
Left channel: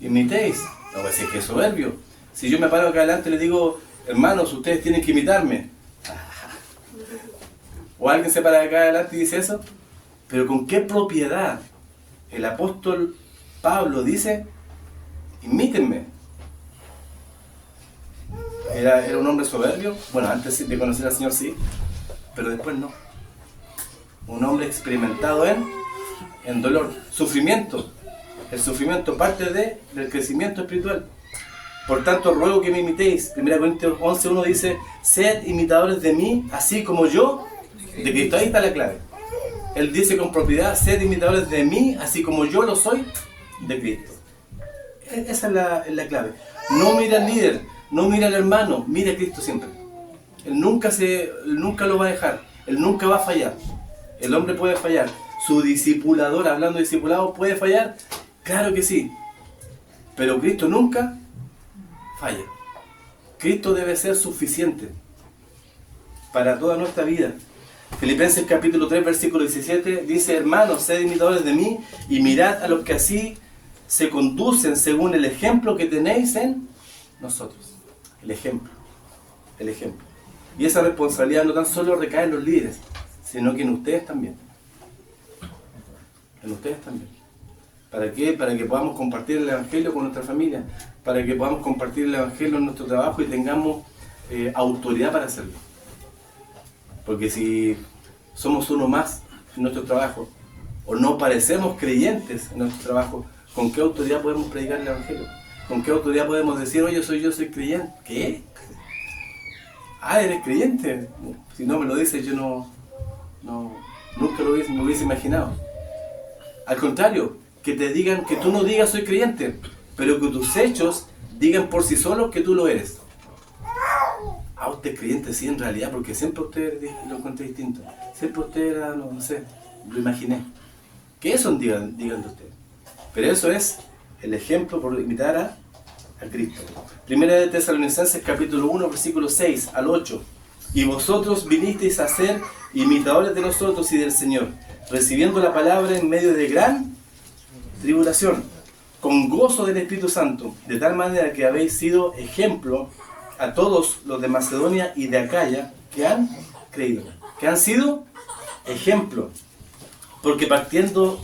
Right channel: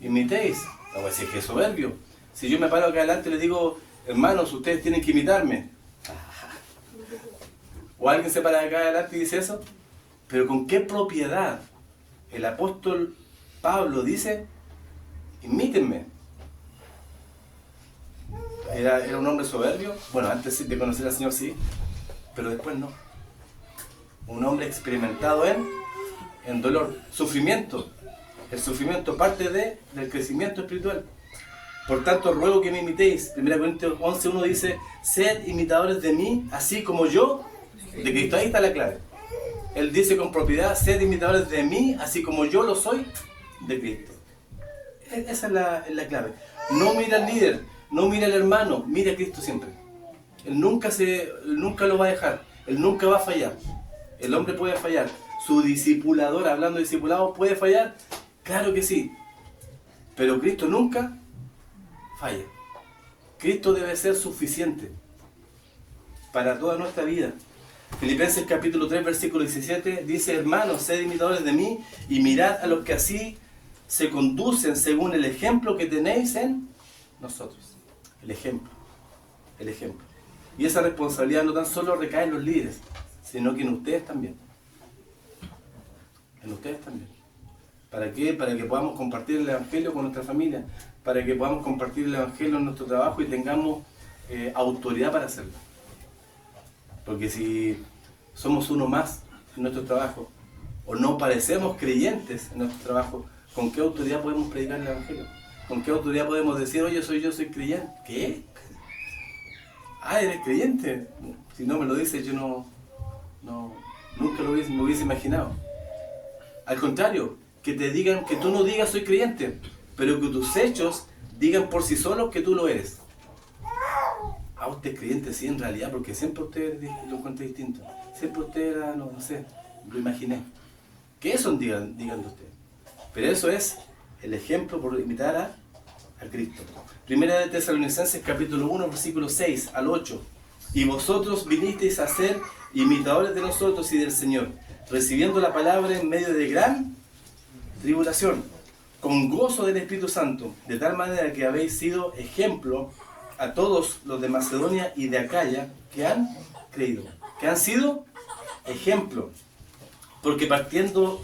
imitéis. No voy a decir que es soberbio. Si yo me paro acá adelante y les digo, hermanos, ustedes tienen que imitarme. O alguien se para acá adelante y dice eso. Pero con qué propiedad el apóstol Pablo dice, imítenme. ¿Era un hombre soberbio? Bueno, antes de conocer al Señor sí, pero después no. Un hombre experimentado en dolor, sufrimiento. El sufrimiento parte del crecimiento espiritual. Por tanto, ruego que me imitéis. 1 Corintios 11:1 dice, sed imitadores de mí, así como yo, de Cristo. Ahí está la clave. Él dice con propiedad, sed imitadores de mí, así como yo lo soy de Cristo. Esa es la clave. No mira al líder, no mira al hermano, mira a Cristo siempre. Él nunca lo va a dejar, Él nunca va a fallar. El hombre puede fallar, su discipulador, hablando de discipulado, puede fallar, claro que sí. Pero Cristo nunca falla. Cristo debe ser suficiente para toda nuestra vida. Filipenses capítulo 3, versículo 17 dice, hermanos, sed imitadores de mí y mirad a los que así se conducen según el ejemplo que tenéis en nosotros. El ejemplo. Y esa responsabilidad no tan solo recae en los líderes, sino que en ustedes también. En ustedes también. ¿Para qué? Para que podamos compartir el Evangelio con nuestra familia, para que podamos compartir el Evangelio en nuestro trabajo y tengamos autoridad para hacerlo. Porque si somos uno más en nuestro trabajo, o no parecemos creyentes en nuestro trabajo, ¿con qué autoridad podemos predicar el Evangelio? ¿Con qué autoridad podemos decir, oye, yo soy creyente? ¿Qué? Ah, ¿eres creyente? Si no me lo dices, yo nunca me hubiese imaginado. Al contrario, que te digan, que tú no digas soy creyente, pero que tus hechos digan por sí solos que tú lo eres. Ah, usted es creyente, sí, en realidad, porque siempre usted lo encontré distinto. Siempre usted era, no sé, lo imaginé. Que eso digan de usted. Pero eso es el ejemplo por imitar a Cristo. Primera de Tesalonicenses capítulo 1, versículo 6 al 8. Y vosotros vinisteis a ser imitadores de nosotros y del Señor, recibiendo la palabra en medio de gran tribulación, con gozo del Espíritu Santo, de tal manera que habéis sido ejemplo a todos los de Macedonia y de Acaya que han creído, que han sido ejemplo, porque partiendo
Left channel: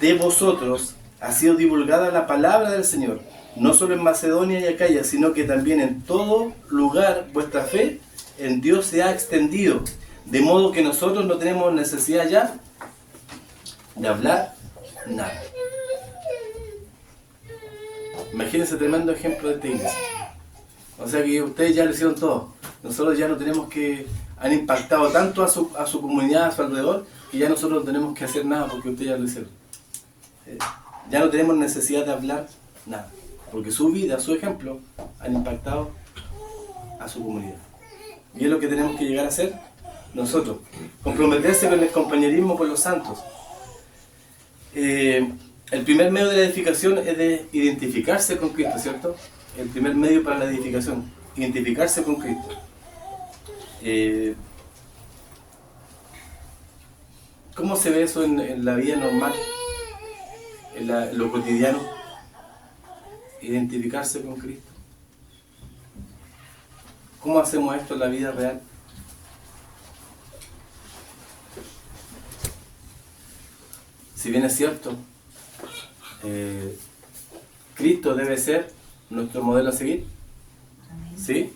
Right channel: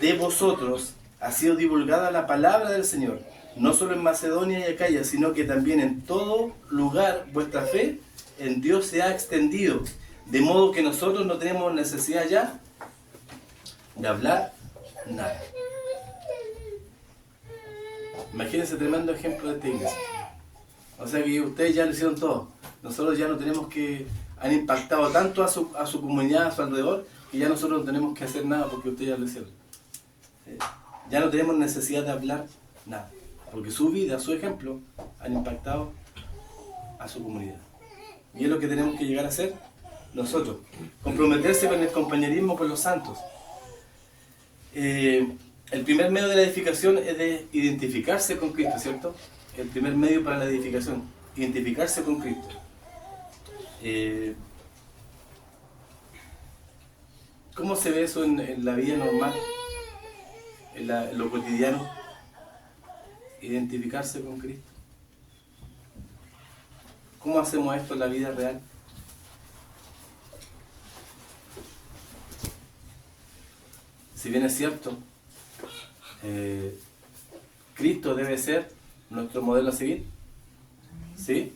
de vosotros ha sido divulgada la palabra del Señor, no solo en Macedonia y Acaya, sino que también en todo lugar vuestra fe en Dios se ha extendido, de modo que nosotros no tenemos necesidad ya de hablar nada. Imagínense tremendo ejemplo de esta iglesia. O sea que ustedes ya lo hicieron todo. Nosotros ya no tenemos que... Han impactado tanto a su comunidad, a su alrededor, que ya nosotros no tenemos que hacer nada porque ustedes ya lo hicieron. Ya no tenemos necesidad de hablar nada. Porque su vida, su ejemplo, han impactado a su comunidad. Y es lo que tenemos que llegar a hacer nosotros. Comprometerse con el compañerismo con los santos. El primer medio de la edificación es de identificarse con Cristo, ¿cierto? el primer medio para la edificación, identificarse con Cristo. ¿Cómo se ve eso en la vida normal, en lo cotidiano? Identificarse con Cristo. ¿Cómo hacemos esto en la vida real? Si bien es cierto, Cristo debe ser nuestro modelo a seguir, ¿sí?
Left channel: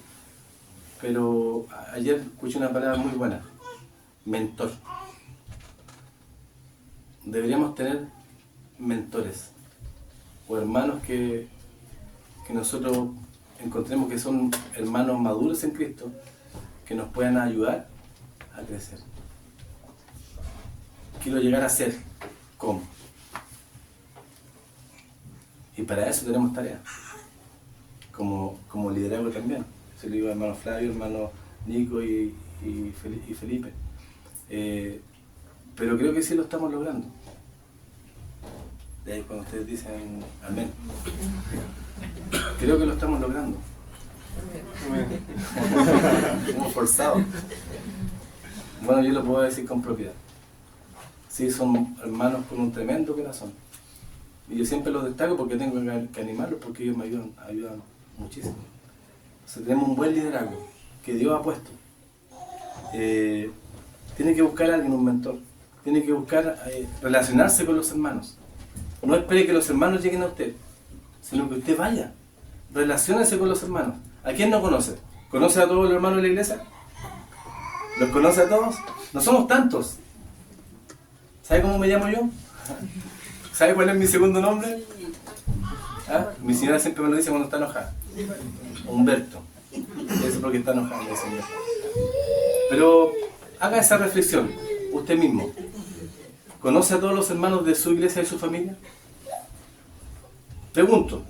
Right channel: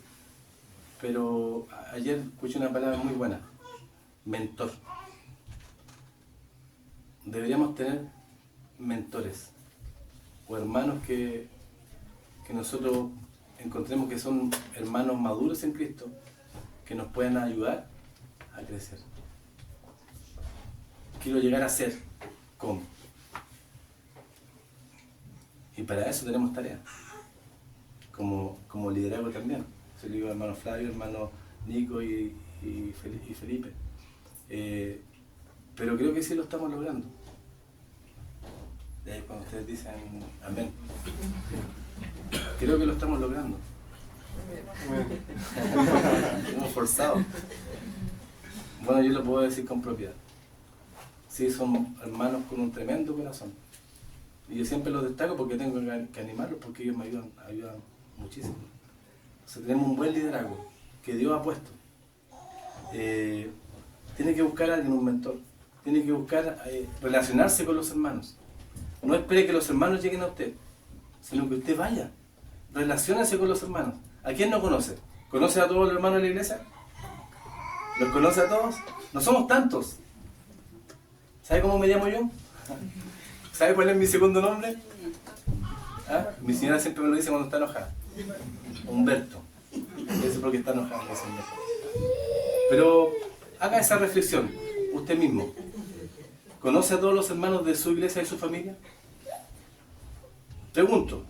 Pero ayer escuché una palabra muy buena, mentor. Deberíamos tener mentores o hermanos que nosotros encontremos que son hermanos maduros en Cristo, que nos puedan ayudar a crecer. Quiero llegar a ser como. Y para eso tenemos tareas, como liderazgo también. Se lo digo a hermano Flavio, hermano Nico y Felipe. Pero creo que sí lo estamos logrando. De ahí cuando ustedes dicen amén. Creo que lo estamos logrando. Como forzado. Bueno, yo lo puedo decir con propiedad. Sí, son hermanos con un tremendo corazón. Y yo siempre los destaco porque tengo que animarlos, porque ellos me ayudan muchísimo. Entonces tenemos un buen liderazgo que Dios ha puesto. Tiene que buscar a alguien, un mentor. Tiene que buscar relacionarse con los hermanos. No espere que los hermanos lleguen a usted, sino que usted vaya. Relaciónese con los hermanos. ¿A quién no conoce? ¿Conoce a todos los hermanos de la iglesia? ¿Los conoce a todos? No somos tantos. ¿Sabe cómo me llamo yo? ¿Sabe cuál es mi segundo nombre? ¿Ah? Mi señora siempre me lo dice cuando está enojada. Humberto. Eso es porque está enojada, señor. Pero haga esa reflexión, usted mismo. ¿Conoce a todos los hermanos de su iglesia y su familia? Pregunto,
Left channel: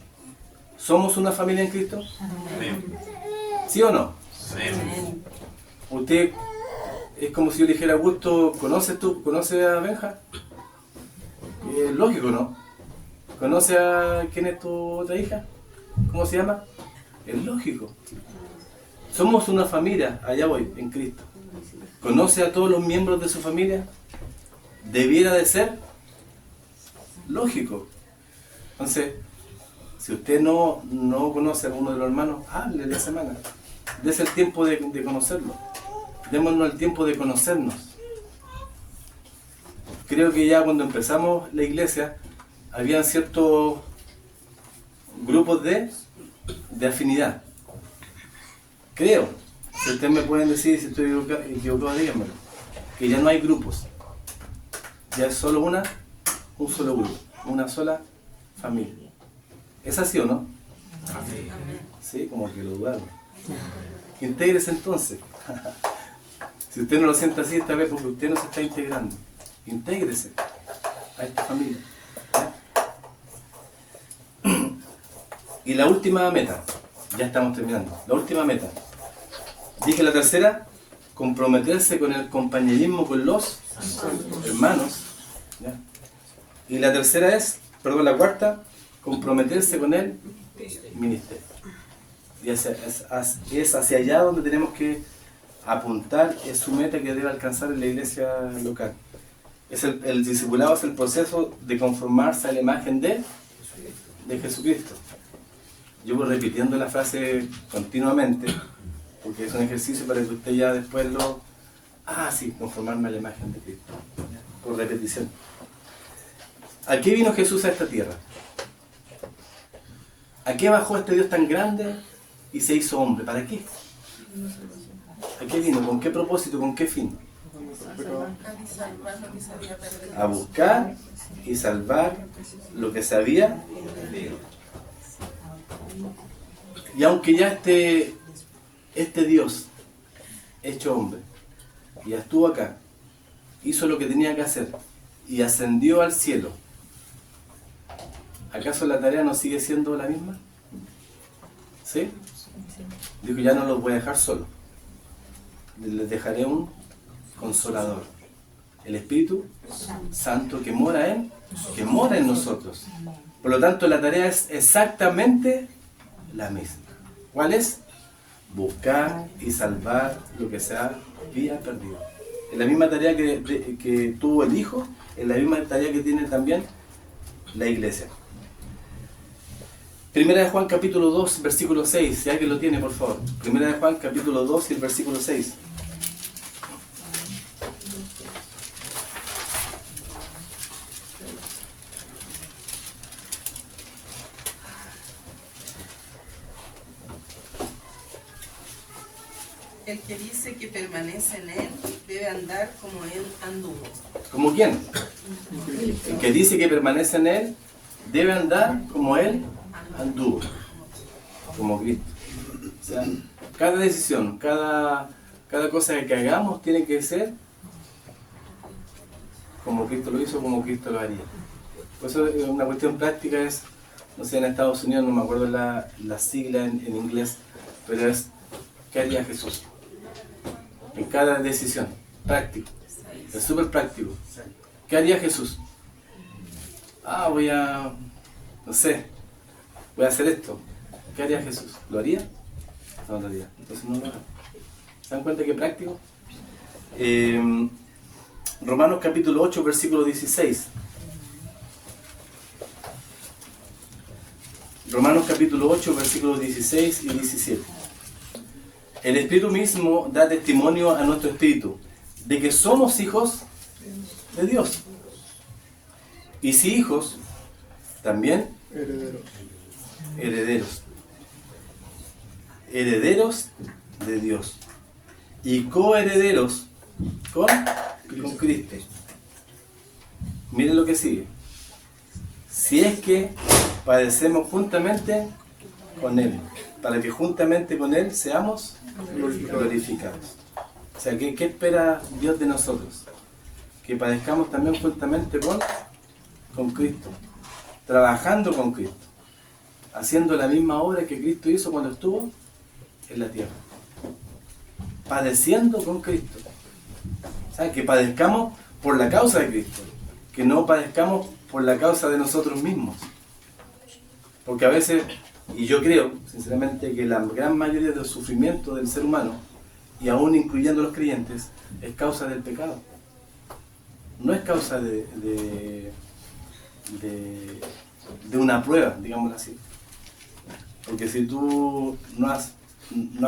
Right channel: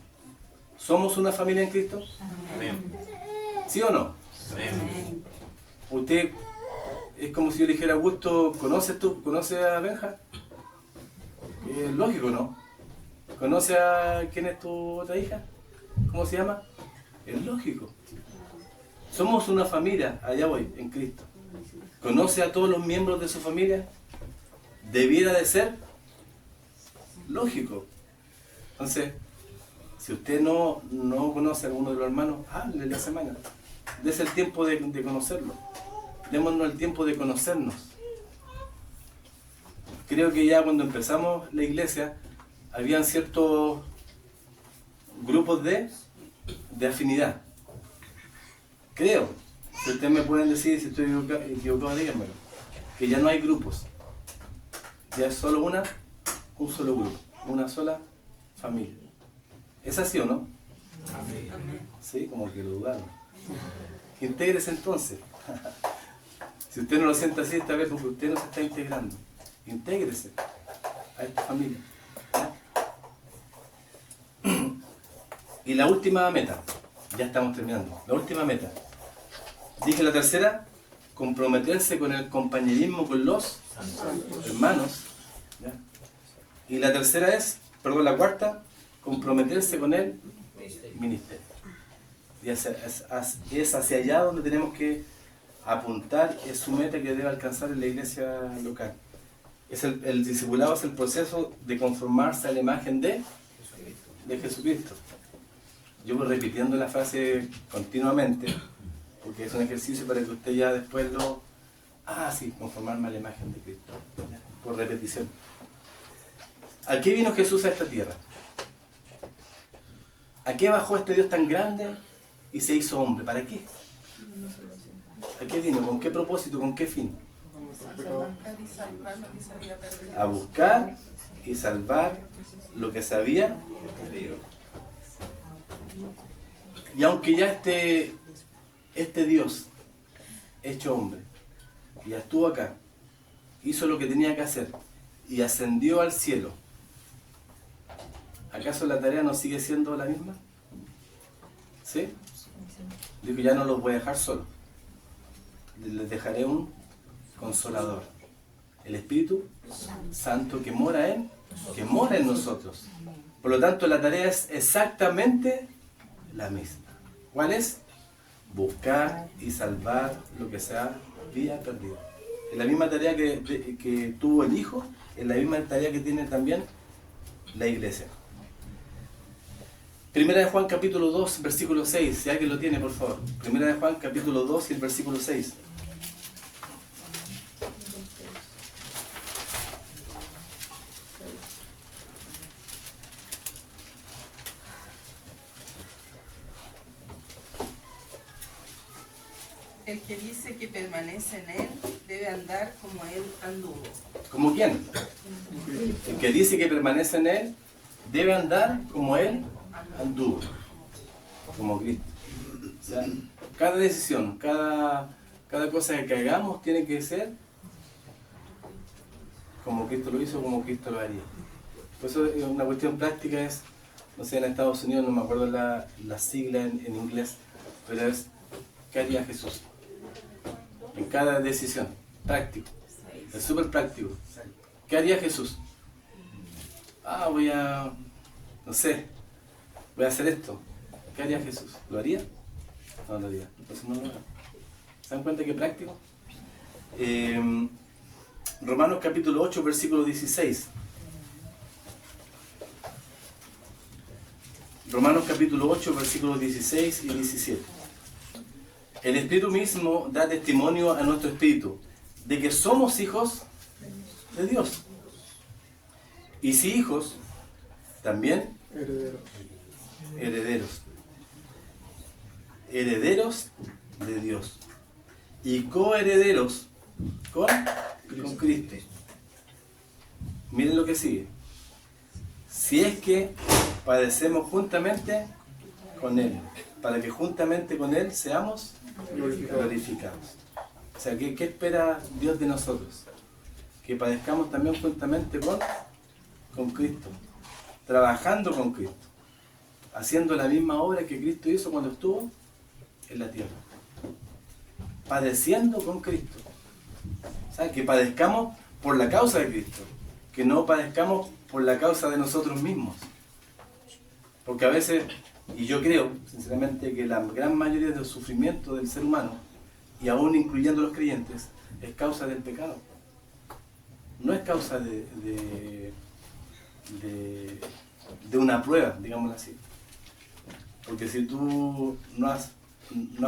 ¿somos una familia en Cristo? ¿Sí o no? Usted, es como si yo le dijera, Augusto, ¿conoce a Benja? Lógico, ¿no? ¿Conoce a quién es tu otra hija? ¿Cómo se llama? Es lógico. Somos una familia, allá voy, en Cristo. ¿Conoce a todos los miembros de su familia? Debiera de ser lógico. Entonces, si usted no conoce a alguno de los hermanos, hable de semana. Dese el tiempo de conocerlo. Démonos el tiempo de conocernos. Creo que ya cuando empezamos la iglesia, había ciertos grupos de afinidad. Creo, si ustedes me pueden decir si estoy equivocado, díganmelo, que ya no hay grupos. Ya es solo un solo grupo, una sola familia. ¿Es así o no? Sí, como que lo dudaron. Intégrese entonces. Si usted no lo siente así, esta vez porque usted no se está integrando. Intégrese a esta familia. Y la última meta, ya estamos terminando. La última meta. Dije la tercera, comprometerse con el compañerismo con los hermanos. ¿Ya? Y la tercera la cuarta, comprometerse con el ministerio. Y es hacia allá donde tenemos que apuntar, es su meta que debe alcanzar en la iglesia local. El discipulado es el proceso de conformarse a la imagen de Jesucristo. Yo voy repitiendo la frase continuamente, porque es un ejercicio para que usted ya después conformarme a la imagen de Cristo, por repetición. ¿A qué vino Jesús a esta tierra? ¿A qué bajó este Dios tan grande y se hizo hombre? ¿Para qué? ¿A qué vino? ¿Con qué propósito? ¿Con qué fin? A buscar y salvar lo que se había perdido. Y aunque ya este Dios, hecho hombre, ya estuvo acá, hizo lo que tenía que hacer y ascendió al cielo, ¿acaso la tarea no sigue siendo la misma? ¿Sí? Dijo, ya no los voy a dejar solos. Les dejaré un consolador. El Espíritu Santo que mora en nosotros. Por lo tanto, la tarea es exactamente la misma. ¿Cuál es? Buscar y salvar lo que se había perdido. Es la misma tarea que tuvo el Hijo, es la misma tarea que tiene también la Iglesia. Primera de Juan capítulo 2, versículo 6, si alguien lo tiene, por favor. Primera de Juan capítulo 2 y el versículo 6. El que dice que permanece en él debe andar como él anduvo. ¿Como quién? El que dice que permanece en él debe andar como él anduvo, como Cristo. O sea, cada decisión, cada cosa que hagamos tiene que ser como Cristo lo hizo, como Cristo lo haría. Por eso una cuestión práctica es, no sé, en Estados Unidos, no me acuerdo la sigla en inglés, pero es ¿qué haría Jesús? En cada decisión, práctico, es súper práctico. ¿Qué haría Jesús? Voy a, no sé, voy a hacer esto. ¿Qué haría Jesús? ¿Lo haría? No lo haría. Entonces no lo haga. ¿Se dan cuenta qué práctico? Romanos capítulo 8, versículo 16. Romanos capítulo 8, versículos 16 y 17. El Espíritu mismo da testimonio a nuestro espíritu de que somos hijos de Dios. Y si hijos, también herederos. Herederos de Dios. Y coherederos con Cristo. Miren lo que sigue. Si es que padecemos juntamente con Él, para que juntamente con Él seamos glorificados. O sea, ¿qué espera Dios de nosotros? Que padezcamos también juntamente con Cristo, trabajando con Cristo, haciendo la misma obra que Cristo hizo cuando estuvo en la tierra, padeciendo con Cristo. O sea, que padezcamos por la causa de Cristo, que no padezcamos por la causa de nosotros mismos. Porque a veces, y yo creo, sinceramente, que la gran mayoría del sufrimiento del ser humano, y aún incluyendo los creyentes, es causa del pecado. No es causa de una prueba, digámoslo así. Porque si tú no has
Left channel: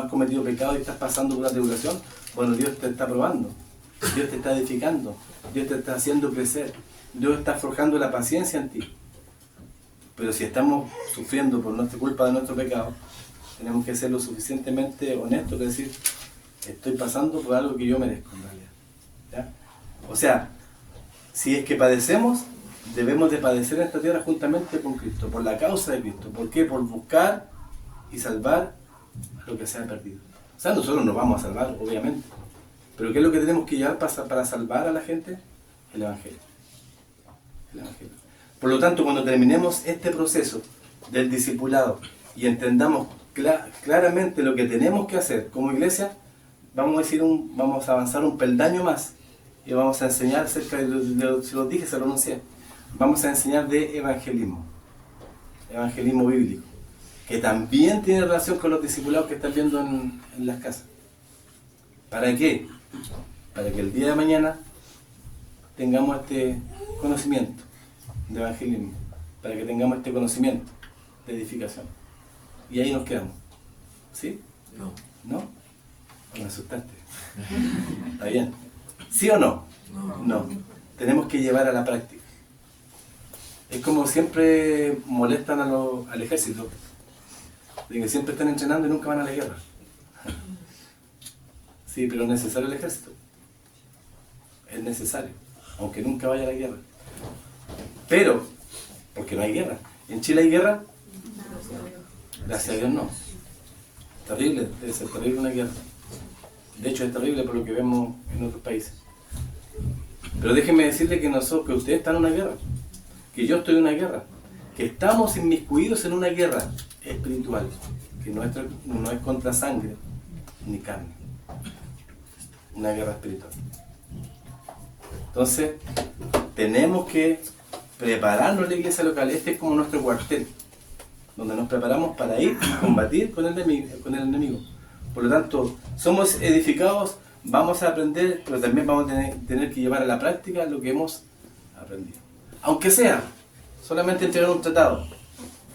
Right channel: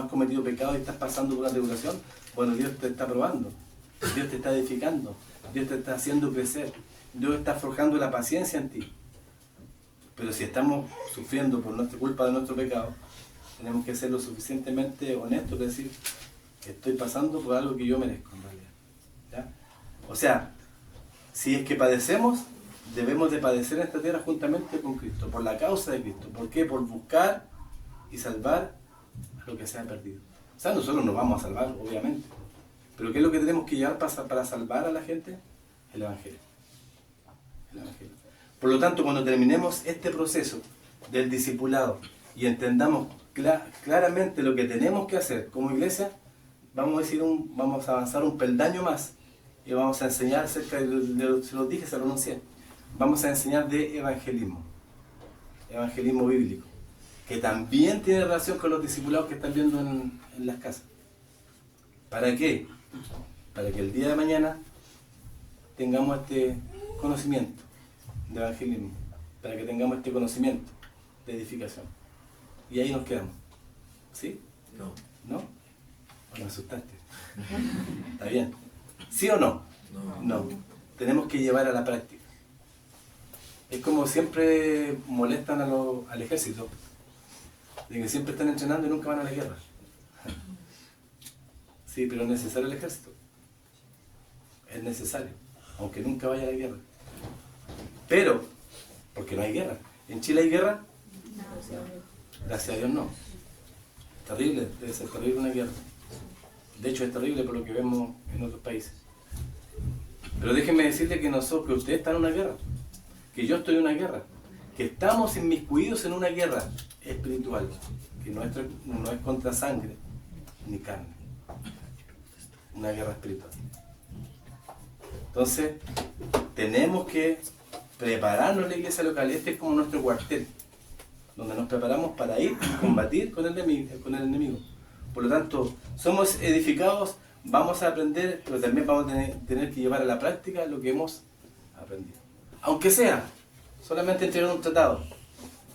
cometido pecado y estás pasando por una tribulación, bueno, Dios te está probando, Dios te está edificando, Dios te está haciendo crecer, Dios está forjando la paciencia en ti. Pero si estamos sufriendo por nuestra culpa de nuestro pecado, tenemos que ser lo suficientemente honestos que decir, estoy pasando por algo que yo merezco en realidad. ¿Ya? O sea, si es que padecemos, debemos de padecer en esta tierra juntamente con Cristo, por la causa de Cristo. ¿Por qué? Por buscar y salvar lo que se ha perdido. O sea, nosotros nos vamos a salvar, obviamente. Pero ¿qué es lo que tenemos que llevar para salvar a la gente? El Evangelio. El Evangelio. Por lo tanto, cuando terminemos este proceso del discipulado y entendamos claramente lo que tenemos que hacer como iglesia, vamos a avanzar un peldaño más y vamos a enseñar acerca de, si lo dije, se lo anuncié, vamos a enseñar de evangelismo bíblico, que también tiene relación con los discipulados que están viendo en las casas. ¿Para qué? Para que el día de mañana tengamos este conocimiento de evangelismo, para que tengamos este conocimiento de edificación. Y ahí nos quedamos. ¿Sí? No. ¿No? Me asustaste. ¿Está bien? ¿Sí o no? No. Tenemos que llevar a la práctica. Es como siempre molestan al ejército, de que siempre están entrenando y nunca van a la guerra. Sí, pero es necesario el ejército. Es necesario, aunque nunca vaya a la guerra. Pero, porque no hay guerra. ¿En Chile hay guerra? Gracias a Dios no. Terrible, debe ser terrible una guerra. De hecho es terrible por lo que vemos en otros países. Pero déjenme decirle que ustedes están en una guerra, que yo estoy en una guerra, que estamos inmiscuidos en una guerra espiritual, que no es contra sangre ni carne, una guerra espiritual. Entonces, tenemos que prepararnos en la iglesia local. Este es como nuestro cuartel, donde nos preparamos para ir a combatir con el enemigo. Por lo tanto, somos edificados, vamos a aprender, pero también vamos a tener que llevar a la práctica lo que hemos aprendido. Aunque sea solamente entregar un tratado,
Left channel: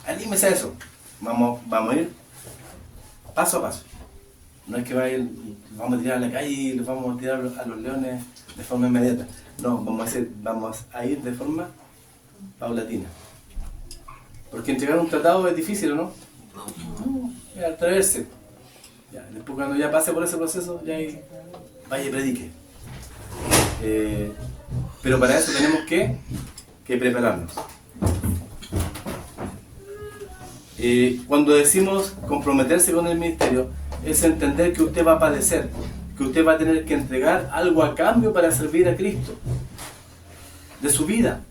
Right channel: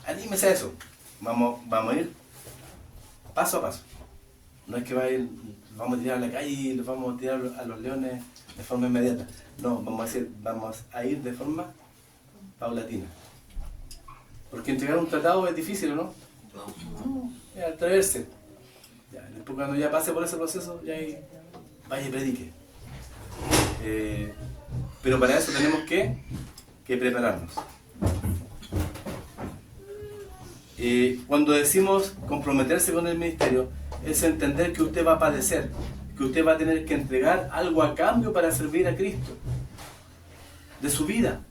anímese a eso. Vamos a ir paso a paso. No es que vamos a tirar a la calle y los vamos a tirar a los leones de forma inmediata. No, vamos a ir de forma paulatina. Porque entregar un tratado es difícil, ¿o no? No, es atreverse. Ya, después cuando ya pase por ese proceso, ya ahí vaya y predique. Pero para eso tenemos que prepararnos. Cuando decimos comprometerse con el ministerio, es entender que usted va a padecer, que usted va a tener que entregar algo a cambio para servir a Cristo, de su vida.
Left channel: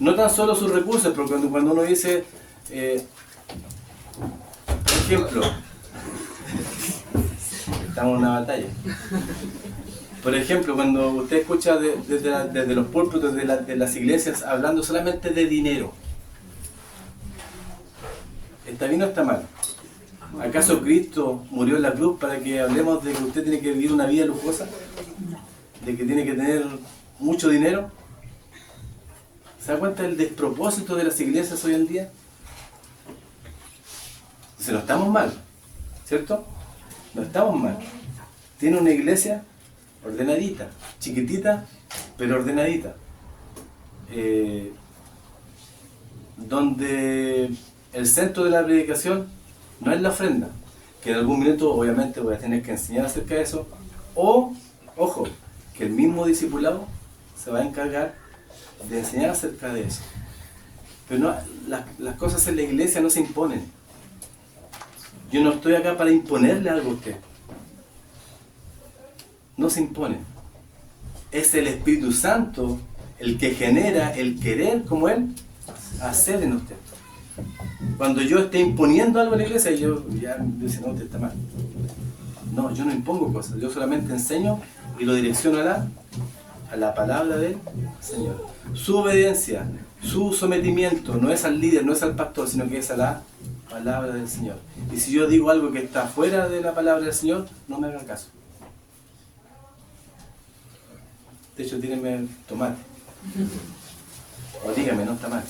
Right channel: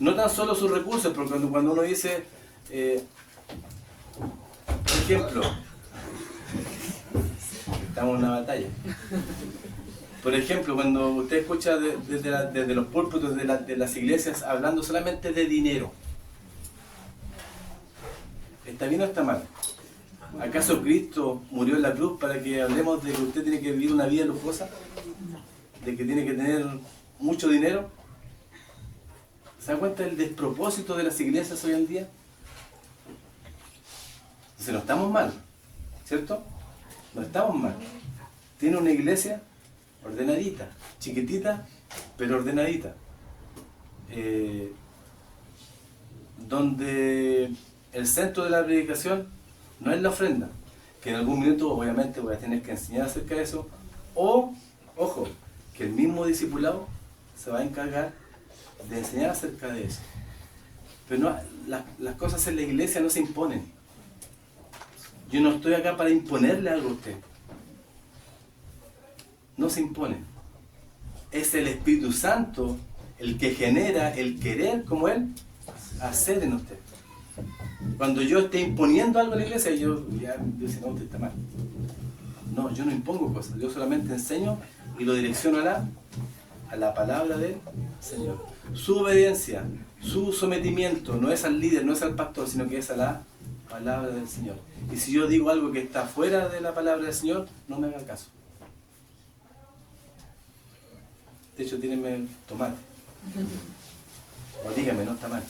No tan solo sus recursos, porque cuando uno dice, por ejemplo, estamos en una batalla. Por ejemplo, cuando usted escucha desde los púlpitos de las iglesias hablando solamente de dinero, ¿está bien o está mal? ¿Acaso Cristo murió en la cruz para que hablemos de que usted tiene que vivir una vida lujosa? ¿De que tiene que tener mucho dinero? ¿Se da cuenta del despropósito de las iglesias hoy en día? Si no estamos mal, ¿cierto? No estamos mal. Tiene una iglesia ordenadita, chiquitita, pero ordenadita. Donde el centro de la predicación no es la ofrenda, que en algún momento obviamente voy a tener que enseñar acerca de eso, o, ojo, que el mismo discipulado se va a encargar de enseñar acerca de eso. Pero no, las cosas en la iglesia no se imponen. Yo no estoy acá para imponerle algo a usted. No se impone. Es el Espíritu Santo el que genera el querer como Él hacer en usted. Cuando yo esté imponiendo algo a la iglesia, yo dice, no, usted está mal. No, yo no impongo cosas, yo solamente enseño y lo direcciono a la palabra del Señor. Su obediencia, su sometimiento no es al líder, no es al pastor, sino que es a la palabra del Señor. Y si yo digo algo que está fuera de la palabra del Señor, no me hagan caso. De hecho, tírenme tomate. O dígame, no está mal.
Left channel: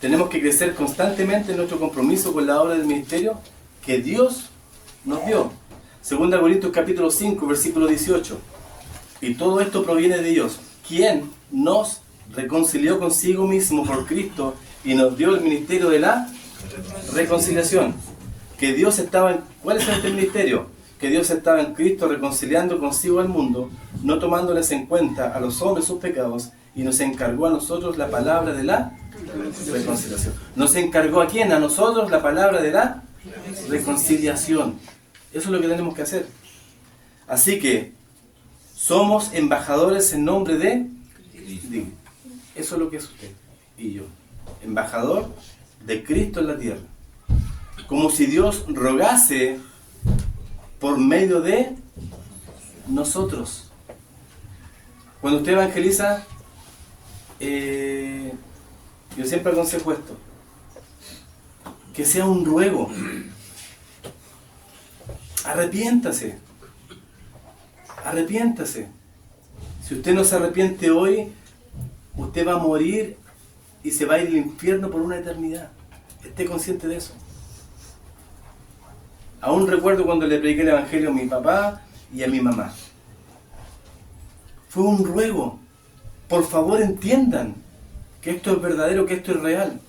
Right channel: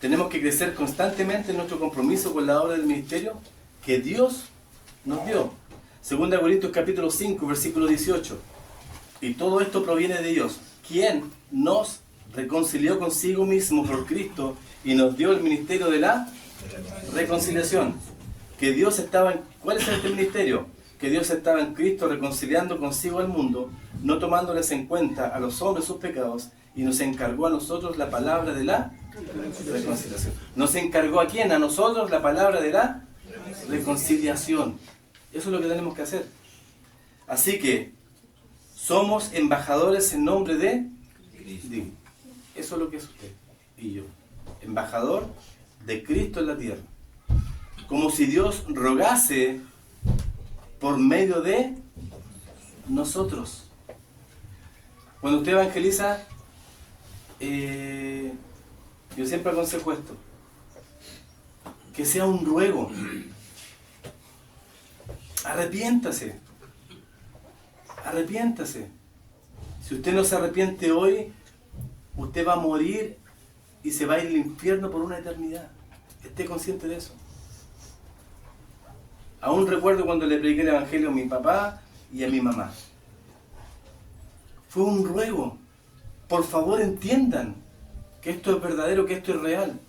Tenemos que crecer constantemente en nuestro compromiso con la obra del ministerio que Dios nos dio. 2 Corintios capítulo 5, versículo 18. Y todo esto proviene de Dios, quien nos reconcilió consigo mismo por Cristo y nos dio el ministerio de la reconciliación. Que Dios estaba en... ¿Cuál es este ministerio? Que Dios estaba en Cristo reconciliando consigo al mundo, no tomándoles en cuenta a los hombres sus pecados, y nos encargó a nosotros la palabra de la reconciliación. ¿Nos encargó a quién? A nosotros la palabra de la reconciliación. Eso es lo que tenemos que hacer. Así que somos embajadores en nombre de Cristo. Eso es lo que es usted y yo. Embajador de Cristo en la tierra. Como si Dios rogase por medio de nosotros. Cuando usted evangeliza, yo siempre aconsejo esto, que sea un ruego. Arrepiéntase. Si usted no se arrepiente hoy, usted va a morir y se va a ir al infierno por una eternidad. Esté consciente de eso. Aún recuerdo cuando le prediqué el evangelio a mi papá y a mi mamá. Fue un ruego. Por favor, entiendan que esto es verdadero, que esto es real.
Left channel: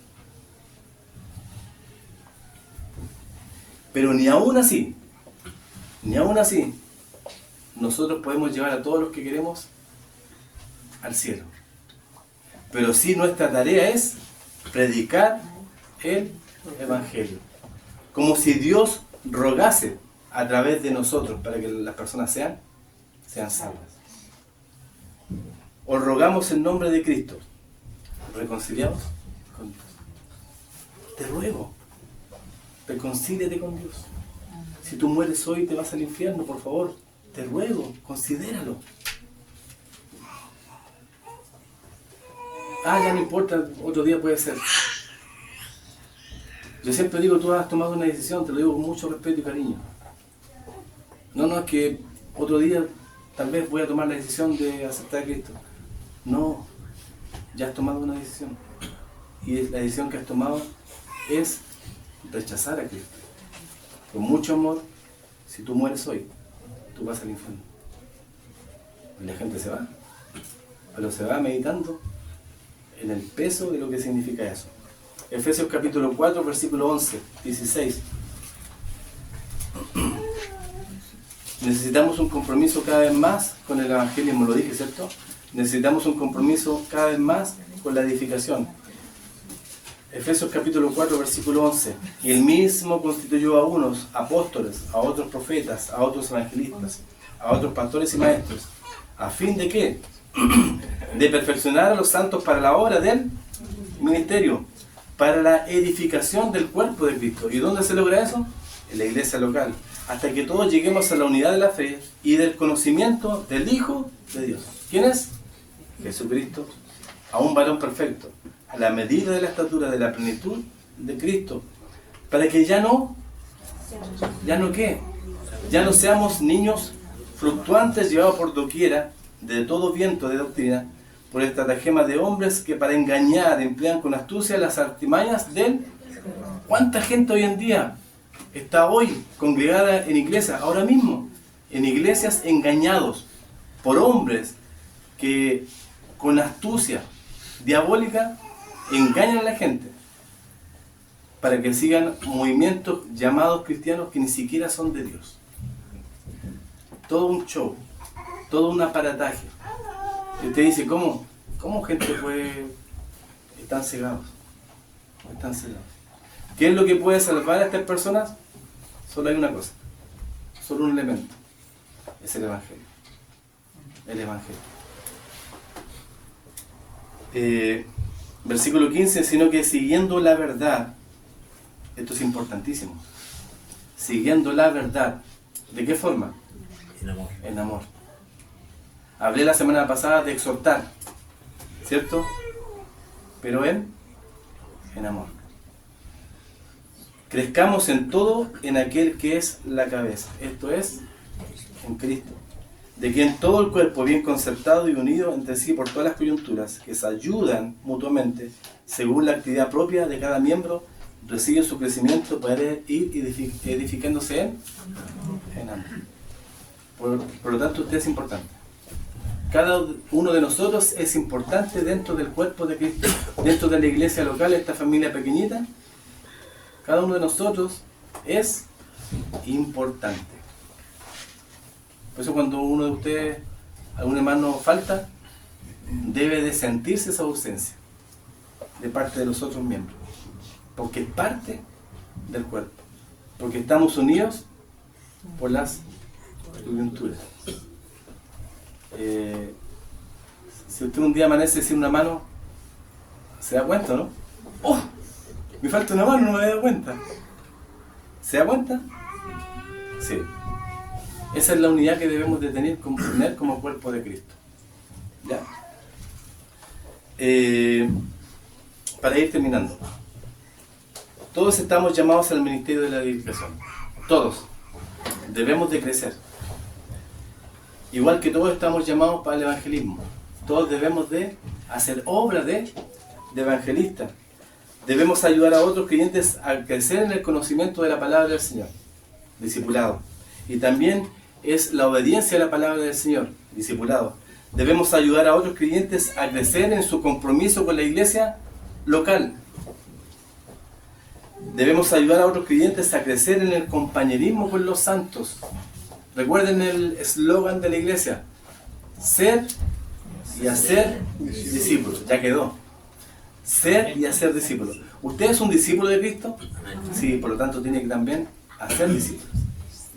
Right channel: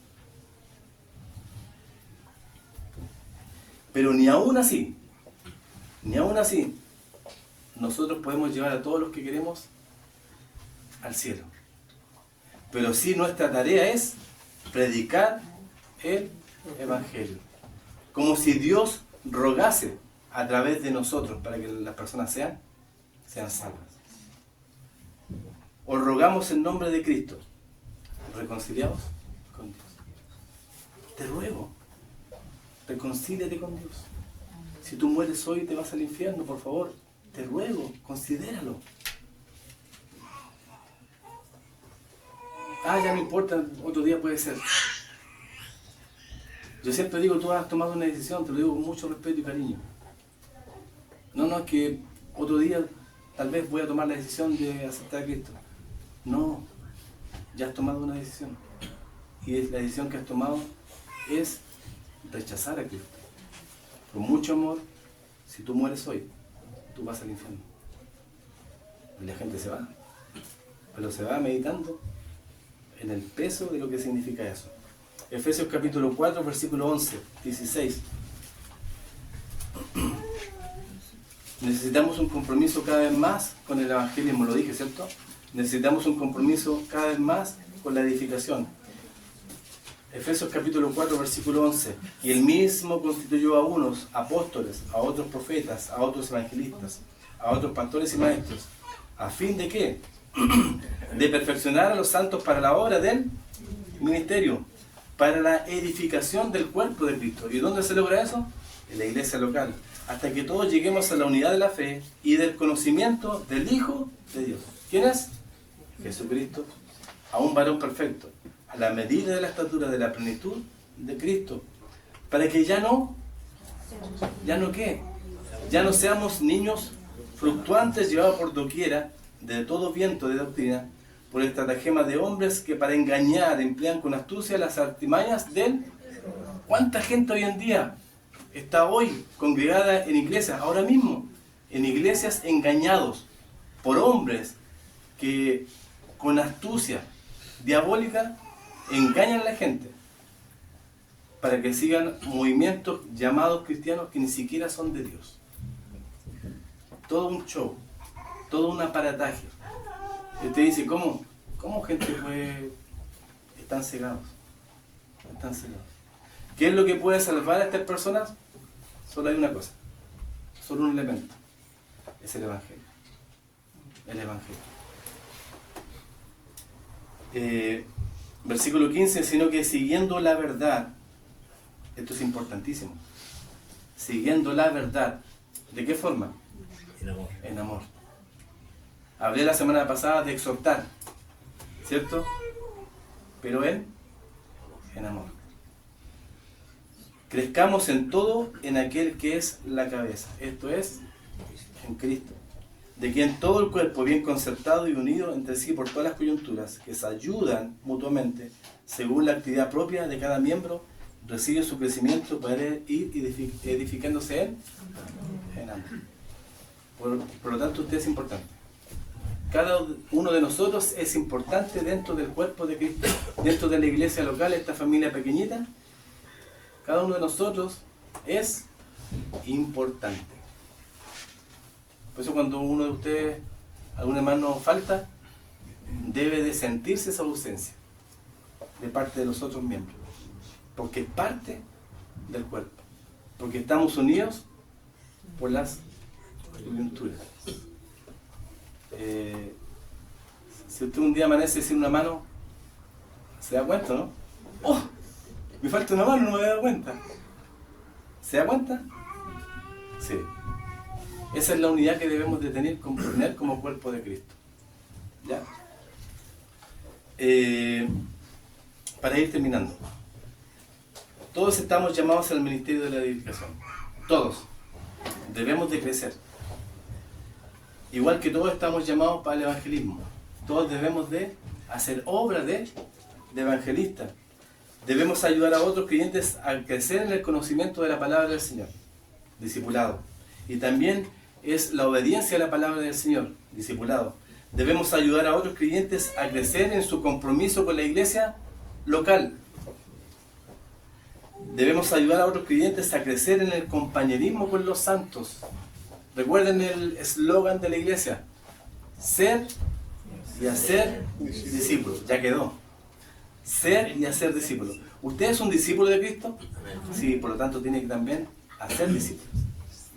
Pero ni aún así, nosotros podemos llevar a todos los que queremos al cielo. Pero sí, nuestra tarea es predicar el evangelio. Como si Dios rogase a través de nosotros para que las personas sean salvas. Os rogamos en nombre de Cristo, reconciliados con Dios. Te ruego, reconcíliate con Dios. Si tú mueres hoy te vas al infierno, por favor, te ruego, considéralo. ya no importa, otro día puede ser. Yo siempre digo, tú has tomado una decisión, te lo digo con mucho respeto y cariño. No, es que otro día tal vez voy a tomar la decisión de aceptar a Cristo. No, ya has tomado una decisión. Y la decisión que has tomado es rechazar a Cristo. Con mucho amor, si tú mueres hoy, tú vas al infierno. Y la gente se va, pero se va meditando en el peso de lo que significa eso. Efesios capítulo 4, versículo 11, 16. Necesitamos un compromiso cada vez más con el evangelismo, lo dije, ¿cierto? Necesitamos un compromiso cada vez más con la edificación. Efesios capítulo 4, versículo 11. Y él mismo constituyó a unos apóstoles, a otros profetas, a otros evangelistas, a otros pastores y maestros. ¿A fin de qué? De perfeccionar a los santos para la obra del ministerio, para la edificación del cuerpo de Cristo. ¿Y dónde se logra eso? En la iglesia local. Hasta que todos lleguemos a la unidad de la fe y del conocimiento del Hijo de Dios. ¿Quién es? Jesucristo. A un varón perfecto, a la medida de la estatura de la plenitud de Cristo. Para que ya no ¿qué? Ya no seamos niños fluctuantes llevados por doquiera de todo viento de doctrina, por estratagemas de hombres que para engañar emplean con astucia las artimañas del... ¿Cuánta gente hoy en día está hoy congregada en iglesias, ahora mismo, en iglesias engañados por hombres que con astucia diabólica engañan a la gente para que sigan movimientos llamados cristianos que ni siquiera son de Dios? Todo un show, todo un aparataje. Y usted dice, ¿cómo gente puede... Están cegados. Están cegados. ¿Qué es lo que puede salvar a estas personas? Solo hay una cosa, solo un elemento, es el Evangelio. El Evangelio. Versículo 15, sino que siguiendo la verdad, esto es importantísimo, siguiendo la verdad, ¿de qué forma? En amor. En amor. Hablé la semana pasada de exhortar, ¿cierto? Pero en amor. Crezcamos en todo en aquel que es la cabeza, esto es, en Cristo, de quien todo el cuerpo bien concertado y unido entre sí por todas las coyunturas que se ayudan mutuamente según la actividad propia de cada miembro, recibe su crecimiento para ir edificándose en amor. Por lo tanto, usted es importante. Cada uno de nosotros es importante dentro del cuerpo de Cristo, dentro de la iglesia local, esta familia pequeñita. Cada uno de nosotros es importante. Por eso cuando uno de ustedes, algún hermano falta, debe de sentirse esa ausencia de parte de los otros miembros. Porque es parte del cuerpo. Porque estamos unidos por las coyunturas. Si usted un día amanece sin una mano, se da cuenta, ¿no? ¡Oh! Me falta una mano, no me había dado cuenta. ¿Se da cuenta? Sí. Esa es la unidad que debemos de tener como cuerpo de Cristo. ¿Ya? Para ir terminando. Todos estamos llamados al ministerio de la edificación. Todos. Debemos de crecer. Igual que todos estamos llamados para el evangelismo. Todos debemos de hacer obra de evangelistas. Debemos ayudar a otros creyentes a crecer en el conocimiento de la palabra del Señor, discipulado. Y también es la obediencia a la palabra del Señor, discipulado. Debemos ayudar a otros creyentes a crecer en su compromiso con la iglesia local. Debemos ayudar a otros creyentes a crecer en el compañerismo con los santos. Recuerden el eslogan de la iglesia: ser y hacer discípulos. Ya quedó. Ser y hacer discípulos. ¿Usted es un discípulo de Cristo? Sí, por lo tanto tiene que también hacer discípulos.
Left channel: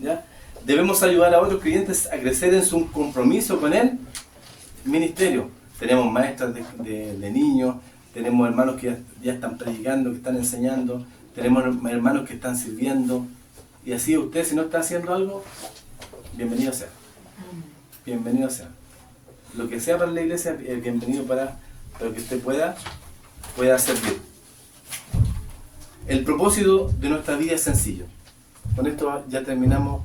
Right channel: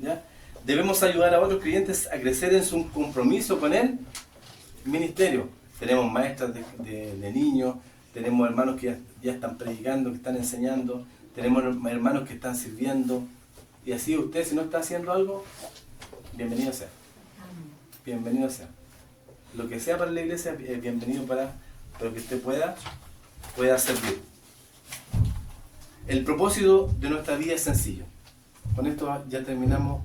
¿Ya? Debemos ayudar a otros creyentes a crecer en su compromiso con el ministerio. Tenemos maestras de niños, tenemos hermanos que ya están predicando, que están enseñando, tenemos hermanos que están sirviendo. Y así usted, si no está haciendo algo, bienvenido sea. Bienvenido sea. Lo que sea para la iglesia es bienvenido para para que usted pueda servir. El propósito de nuestra vida es sencillo. Con esto ya terminamos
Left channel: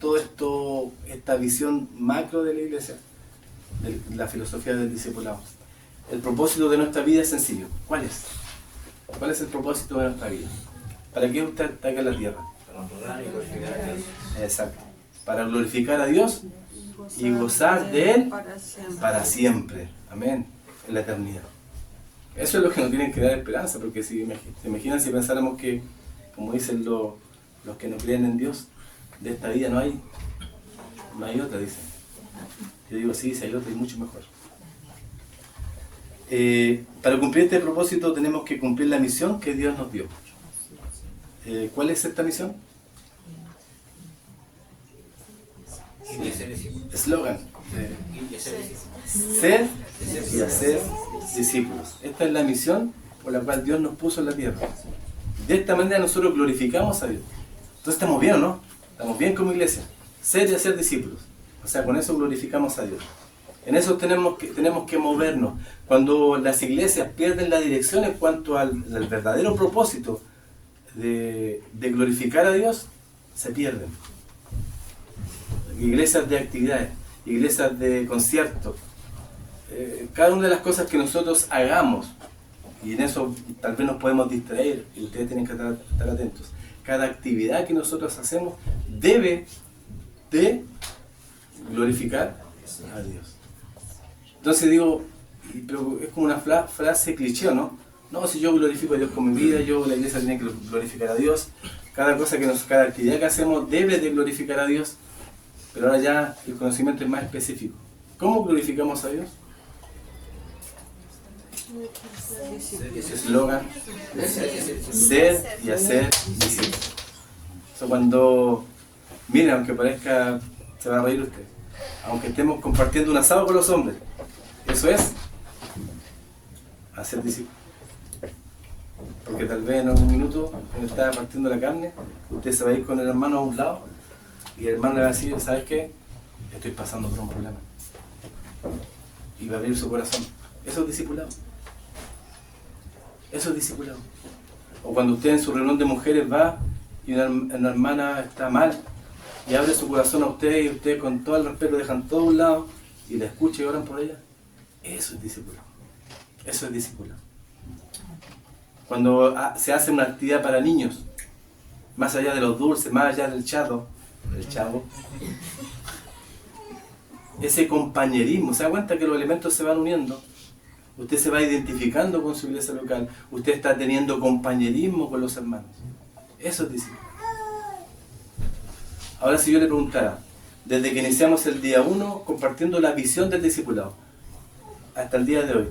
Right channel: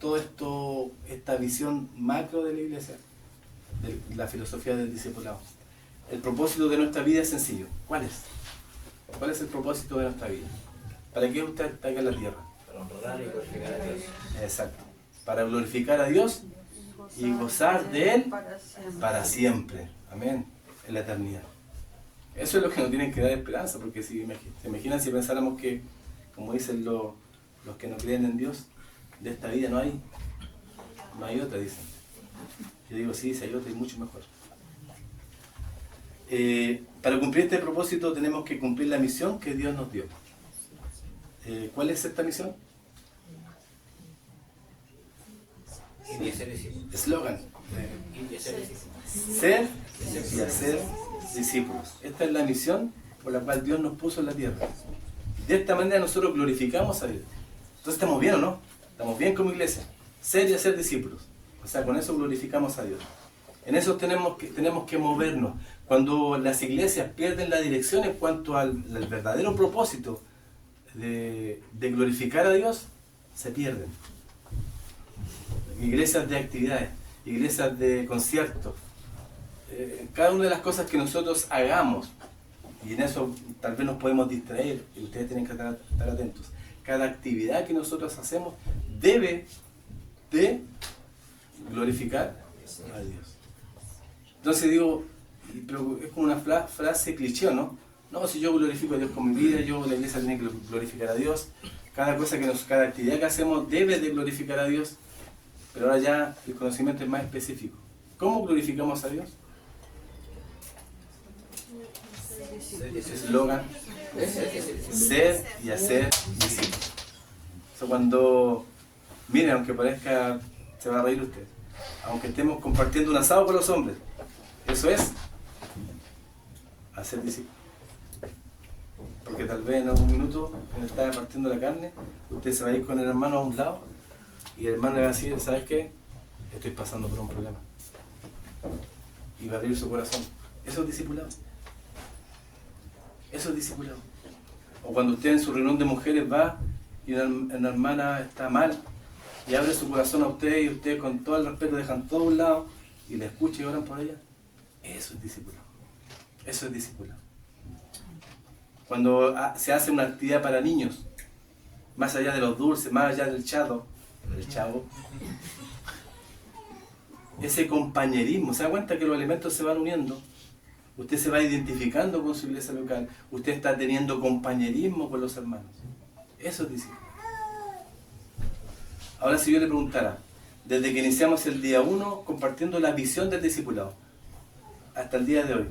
todo esto, esta visión macro de la iglesia, de la filosofía del discipulado. El propósito de nuestra vida es sencillo. ¿Cuál es? ¿Cuál es el propósito de nuestra vida? ¿Para qué usted está acá en la tierra? Para honrar y glorificar a Dios. Exacto. Para glorificar a Dios y gozar de Él para siempre. Amén. En la eternidad. Eso es lo que nos tiene que dar esperanza, porque si se imaginan si pensáramos que, como dicen los que no creen en Dios, de esta vida no hay otra, dicen. Yo digo, sí, si hay otra, es mucho mejor. Para cumplir este propósito tenemos que cumplir la misión que Dios nos dio. ¿Cuál es esta misión? Eslogan. Ser y hacer discípulos. Esta es la misión por la cual Dios nos puso en la tierra. De esta manera nosotros glorificamos a Dios. Entonces estamos bien, ¿o no? Estamos bien como iglesia. Ser y hacer discípulos. O sea, con eso glorificamos a Dios. En eso tenemos que movernos. Cuando las iglesias pierden la dirección en cuanto al verdadero propósito de glorificar a Dios, se pierden. Iglesias de actividades, iglesias de conciertos, cada una de las cosas que nosotros hagamos, y en eso tal vez nos podemos distraer, y ustedes tienen que estar atentos. Cada actividad que nosotros hacemos debe de glorificar a Dios. Entonces digo, pero es como una frase cliché, ¿no? No, si yo glorifico a Dios con mi vida, la iglesia tiene que glorificar a Dios. Cada actividad que hacemos debe de glorificar a Dios. Pero ahora ya el conocimiento es más específico. ¿Cómo glorificamos a Dios? Ese eslogan, ser y hacer discípulos. Eso cuando, miren, aunque parezca, se va a reír usted, aunque estemos compartiendo un asado con los hombres, eso es hacer discípulos. Porque tal vez en algún minuto, cuando está partiendo la carne, usted se va a ir con el hermano a un lado y el hermano le va a decir, ¿sabes qué? Estoy pasando por un problema. Y va a abrir su corazón. Eso es discipulado. Eso es discipulado. O cuando usted en su reunión de mujeres va y una hermana está mal y abre su corazón a usted y usted con todo el respeto dejan todo a un lado y la escucha y oran por ella. Eso es discipulado. Eso es discipulado. Cuando se hace una actividad para niños, más allá de los dulces, más allá del chavo, ese compañerismo, se da cuenta que los elementos se van uniendo, usted se va identificando con su iglesia local, usted está teniendo compañerismo con los hermanos. Eso es discipulado. Ahora si yo le preguntara, desde que iniciamos el día 1 compartiendo la visión del discipulado, hasta el día de hoy,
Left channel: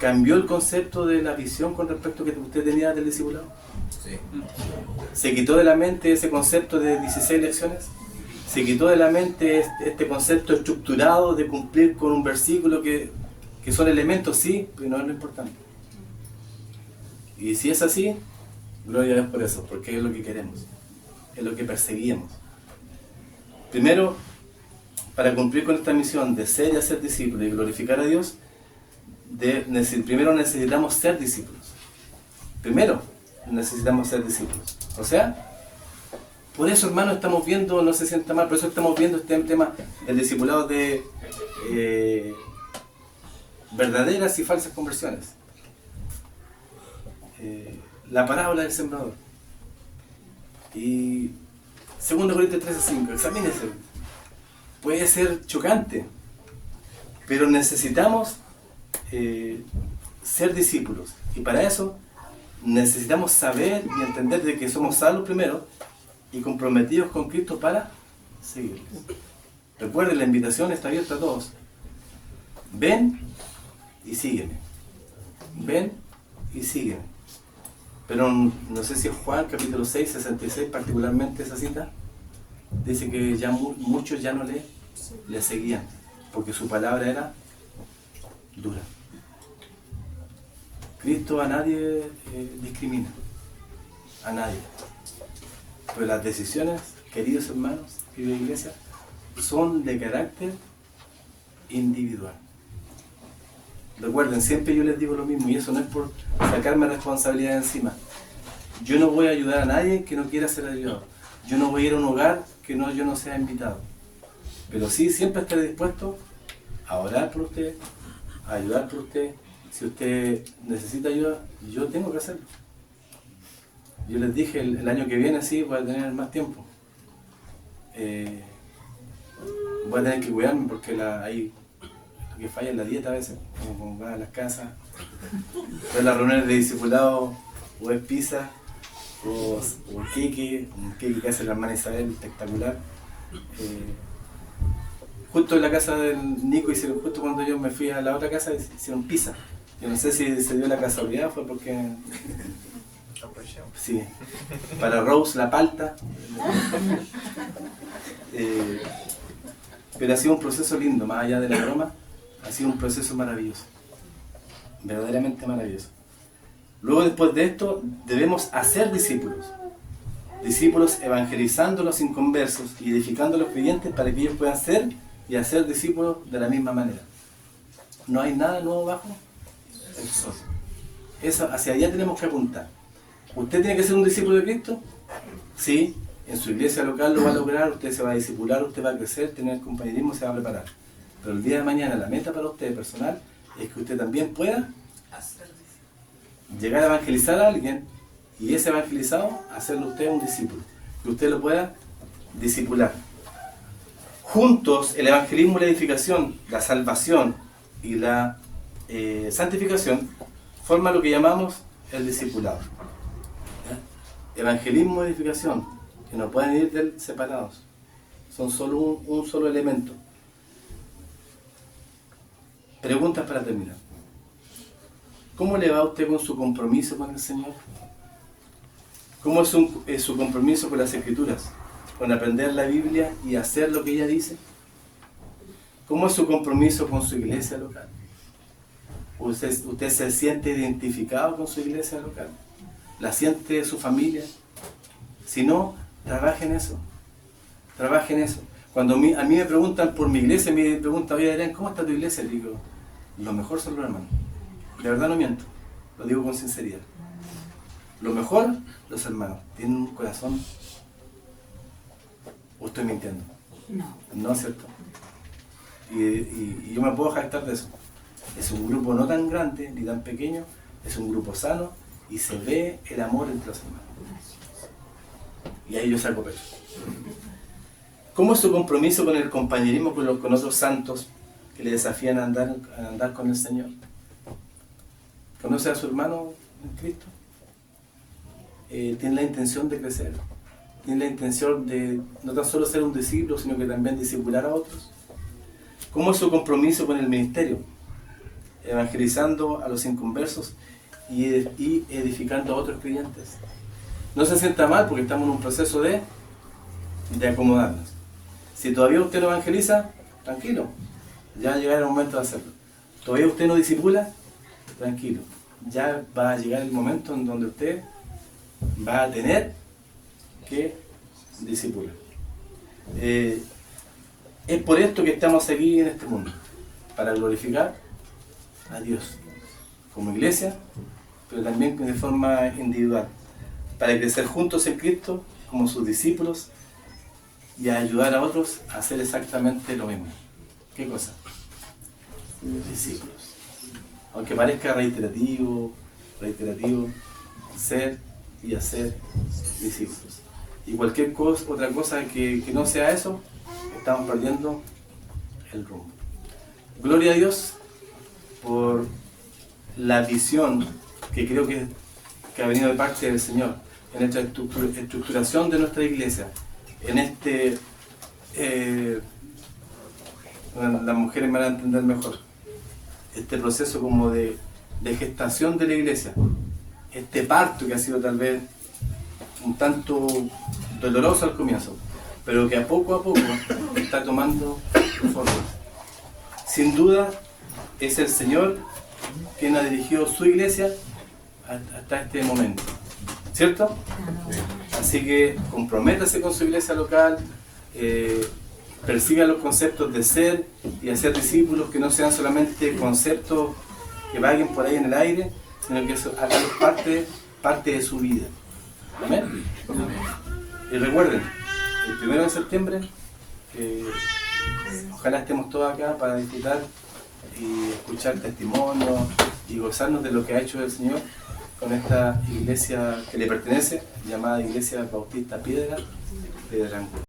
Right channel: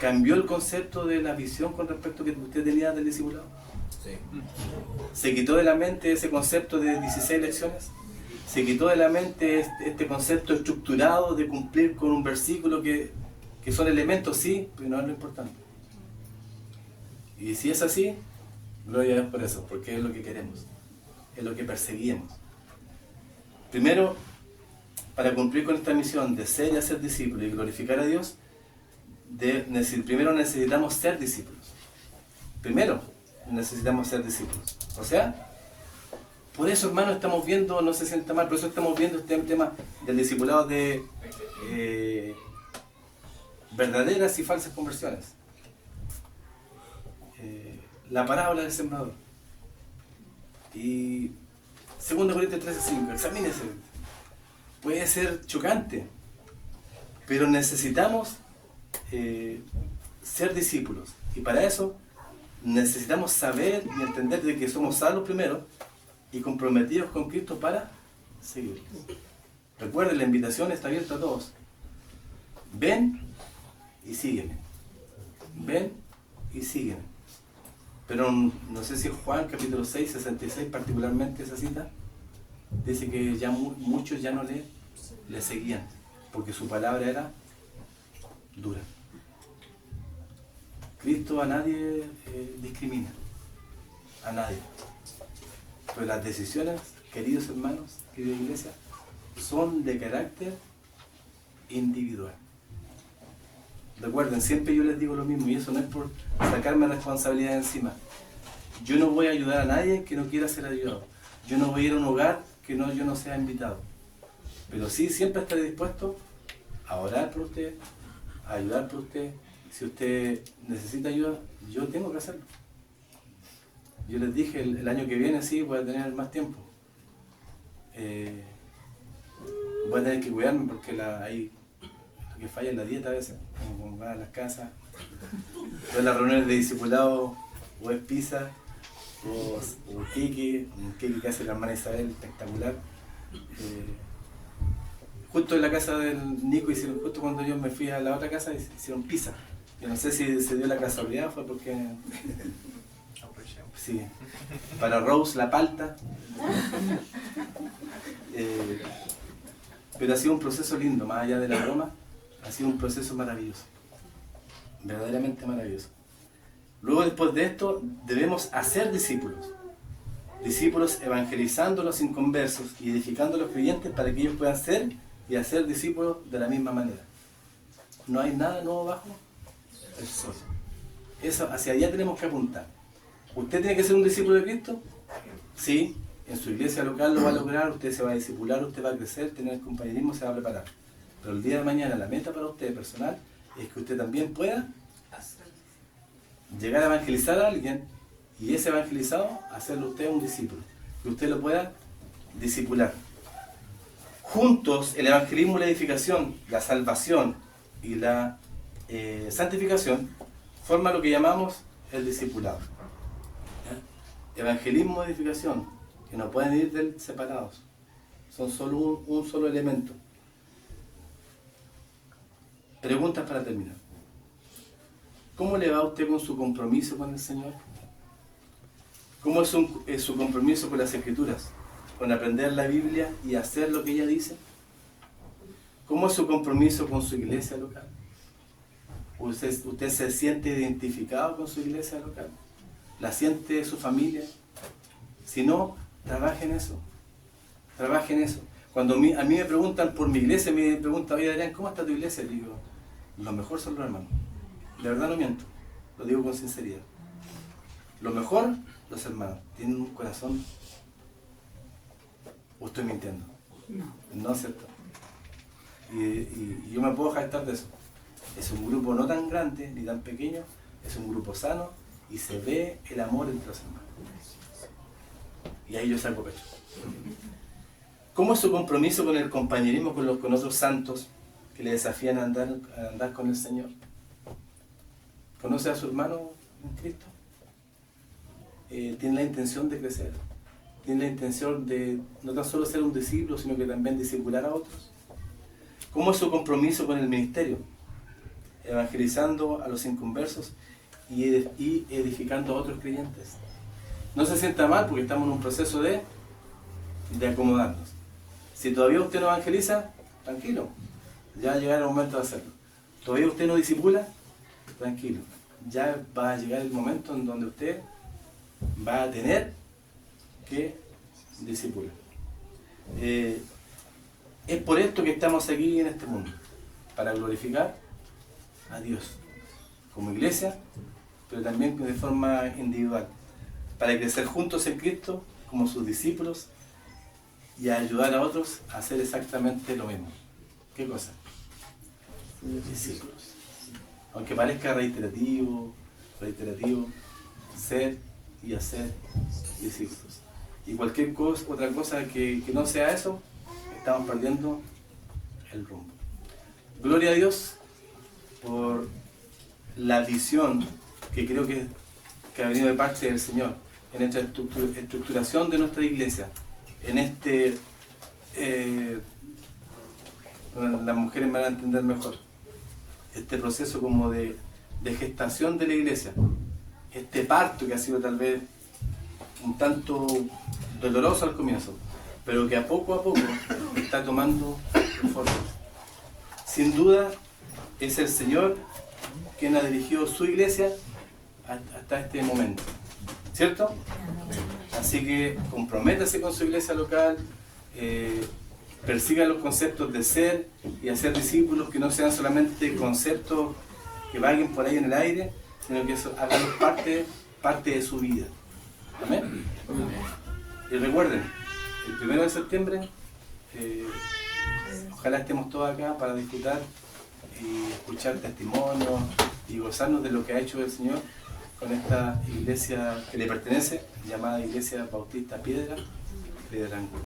¿cambió el concepto de la visión con respecto a que usted tenía del discipulado? Sí. ¿Se quitó de la mente ese concepto de 16 lecciones? ¿Se quitó de la mente este concepto estructurado de cumplir con un versículo que son elementos? Sí, pero no es lo importante. Y si es así, gloria a Dios por eso, porque es lo que queremos, es lo que perseguimos. Primero, para cumplir con esta misión de ser y hacer discípulos y glorificar a Dios, primero necesitamos ser discípulos. Primero necesitamos ser discípulos. O sea, por eso, hermano, estamos viendo, no se sienta mal, por eso estamos viendo este tema del discipulado de verdaderas y falsas conversiones. La parábola del sembrador. Y 2 Corintios 13:5, examínese. Puede ser chocante, pero necesitamos ser discípulos. Y para eso necesitamos saber y entender de que somos salvos primero y comprometidos con Cristo para seguirlos. Recuerden, la invitación está abierta a todos. Ven y sígueme. Ven y sígueme. Pero no sé si en Juan capítulo 6, 66, particularmente esa cita, dice que ya muchos ya no le seguían, porque su palabra era dura. Cristo a nadie discrimina, a nadie. Pero las decisiones, queridos hermanos, querida iglesia, son de carácter individual. Recuerden, siempre yo les digo lo mismo, y eso no es por sacarme responsabilidad encima. Yo no voy a ayudar a nadie que no quiera ser ayudado. Yo no voy a ir a un hogar que yo no sea invitado. Pero sí, siempre estaré dispuesto a orar por usted, a ayudar por usted. Si usted necesita ayuda, yo tengo que hacerlo. Yo les dije, el año que viene sí voy a tener más tiempo. Voy a tener que cuidarme porque hay lo que falla en la dieta a veces, como van a las casas. Entonces las reuniones de discipulado o es pizza o queque, un queque que hace la hermana Isabel, espectacular. Justo en la casa del Nico hicieron, justo cuando yo me fui a la otra casa, hicieron pizza. Yo no sé si se dio la casualidad, fue porque... Sí, para Rose la palta. Pero ha sido un proceso lindo, más allá de la broma, ha sido un proceso maravilloso. Verdaderamente maravilloso. Luego, después de esto, debemos hacer discípulos. Discípulos evangelizando a los inconversos y edificando a los creyentes para que ellos puedan ser y hacer discípulos de la misma manera. No hay nada nuevo bajo el sol. Eso, hacia allá tenemos que apuntar. ¿Usted tiene que ser un discípulo de Cristo? Sí, en su iglesia local lo va a lograr, usted se va a discipular, usted va a crecer, tener compañerismo, se va a preparar. Pero el día de mañana la meta para usted personal es que usted también pueda llegar a evangelizar a alguien y ese evangelizado hacerlo usted un discípulo, que usted lo pueda discipular. Juntos el evangelismo y la edificación, la salvación y la santificación forman lo que llamamos el discipulado. Evangelismo y edificación, que no pueden ir separados, son solo un solo elemento. Preguntas para terminar. ¿Cómo le va a usted con su compromiso con el Señor? ¿Cómo es su compromiso con las Escrituras? ¿Con aprender la Biblia y hacer lo que ella dice? ¿Cómo es su compromiso con su iglesia local? ¿Usted se siente identificado con su iglesia local? ¿La siente su familia? Si no, trabaje en eso. Trabaje en eso. Cuando a mí me preguntan por mi iglesia, me preguntan, oye Adrián, ¿cómo está tu iglesia? Le digo, lo mejor son los hermanos. De verdad no miento, lo digo con sinceridad. Lo mejor, los hermanos. Tienen un corazón. ¿O estoy mintiendo? No. No es cierto. Y yo me puedo jactar de eso. Es un grupo no tan grande ni tan pequeño, es un grupo sano y se ve el amor entre los hermanos. Y ahí yo saco pecho. ¿Cómo es su compromiso con el compañerismo con otros santos que le desafían a andar con el Señor? ¿Conoce a su hermano en Cristo? Tiene la intención de crecer. Tiene la intención de no tan solo ser un discípulo, sino que también discipular a otros. ¿Cómo es su compromiso con el ministerio? Evangelizando a los inconversos y edificando a otros creyentes. No se sienta mal porque estamos en un proceso de acomodarnos. Si todavía usted no evangeliza, tranquilo, ya llegará el momento de hacerlo. Todavía usted no discipula, tranquilo, ya va a llegar el momento en donde usted va a tener que discipular. Es por esto que estamos aquí en este mundo, para glorificar a Dios como iglesia, pero también de forma individual, para crecer juntos en Cristo como sus discípulos y a ayudar a otros a hacer exactamente lo mismo. ¿Qué cosa? Discípulos. Aunque parezca reiterativo, ser y hacer discípulos. Y cualquier otra cosa que no sea eso, estamos perdiendo el rumbo. Gloria a Dios por la visión que creo que ha venido de parte del Señor en esta estructuración de nuestra iglesia, en las mujeres me van a entender mejor, este proceso como de gestación de la iglesia, este parto que ha sido tal vez un tanto doloroso al comienzo, pero que a poco está tomando forma. Sin duda es el Señor quien ha dirigido su iglesia hasta este momento, ¿cierto? Así que comprométase con su iglesia local, persiga los conceptos de ser y hacer discípulos que no sean solamente conceptos que vaguen por ahí en el aire, sino que eso hagan parte de su vida. Amén. Y recuerden, el 1 de septiembre, ojalá estemos todos acá para disfrutar y escuchar testimonios y gozarnos de lo que ha hecho el Señor con esta iglesia que le pertenece, llamada Iglesia Bautista Piedra de Aranco.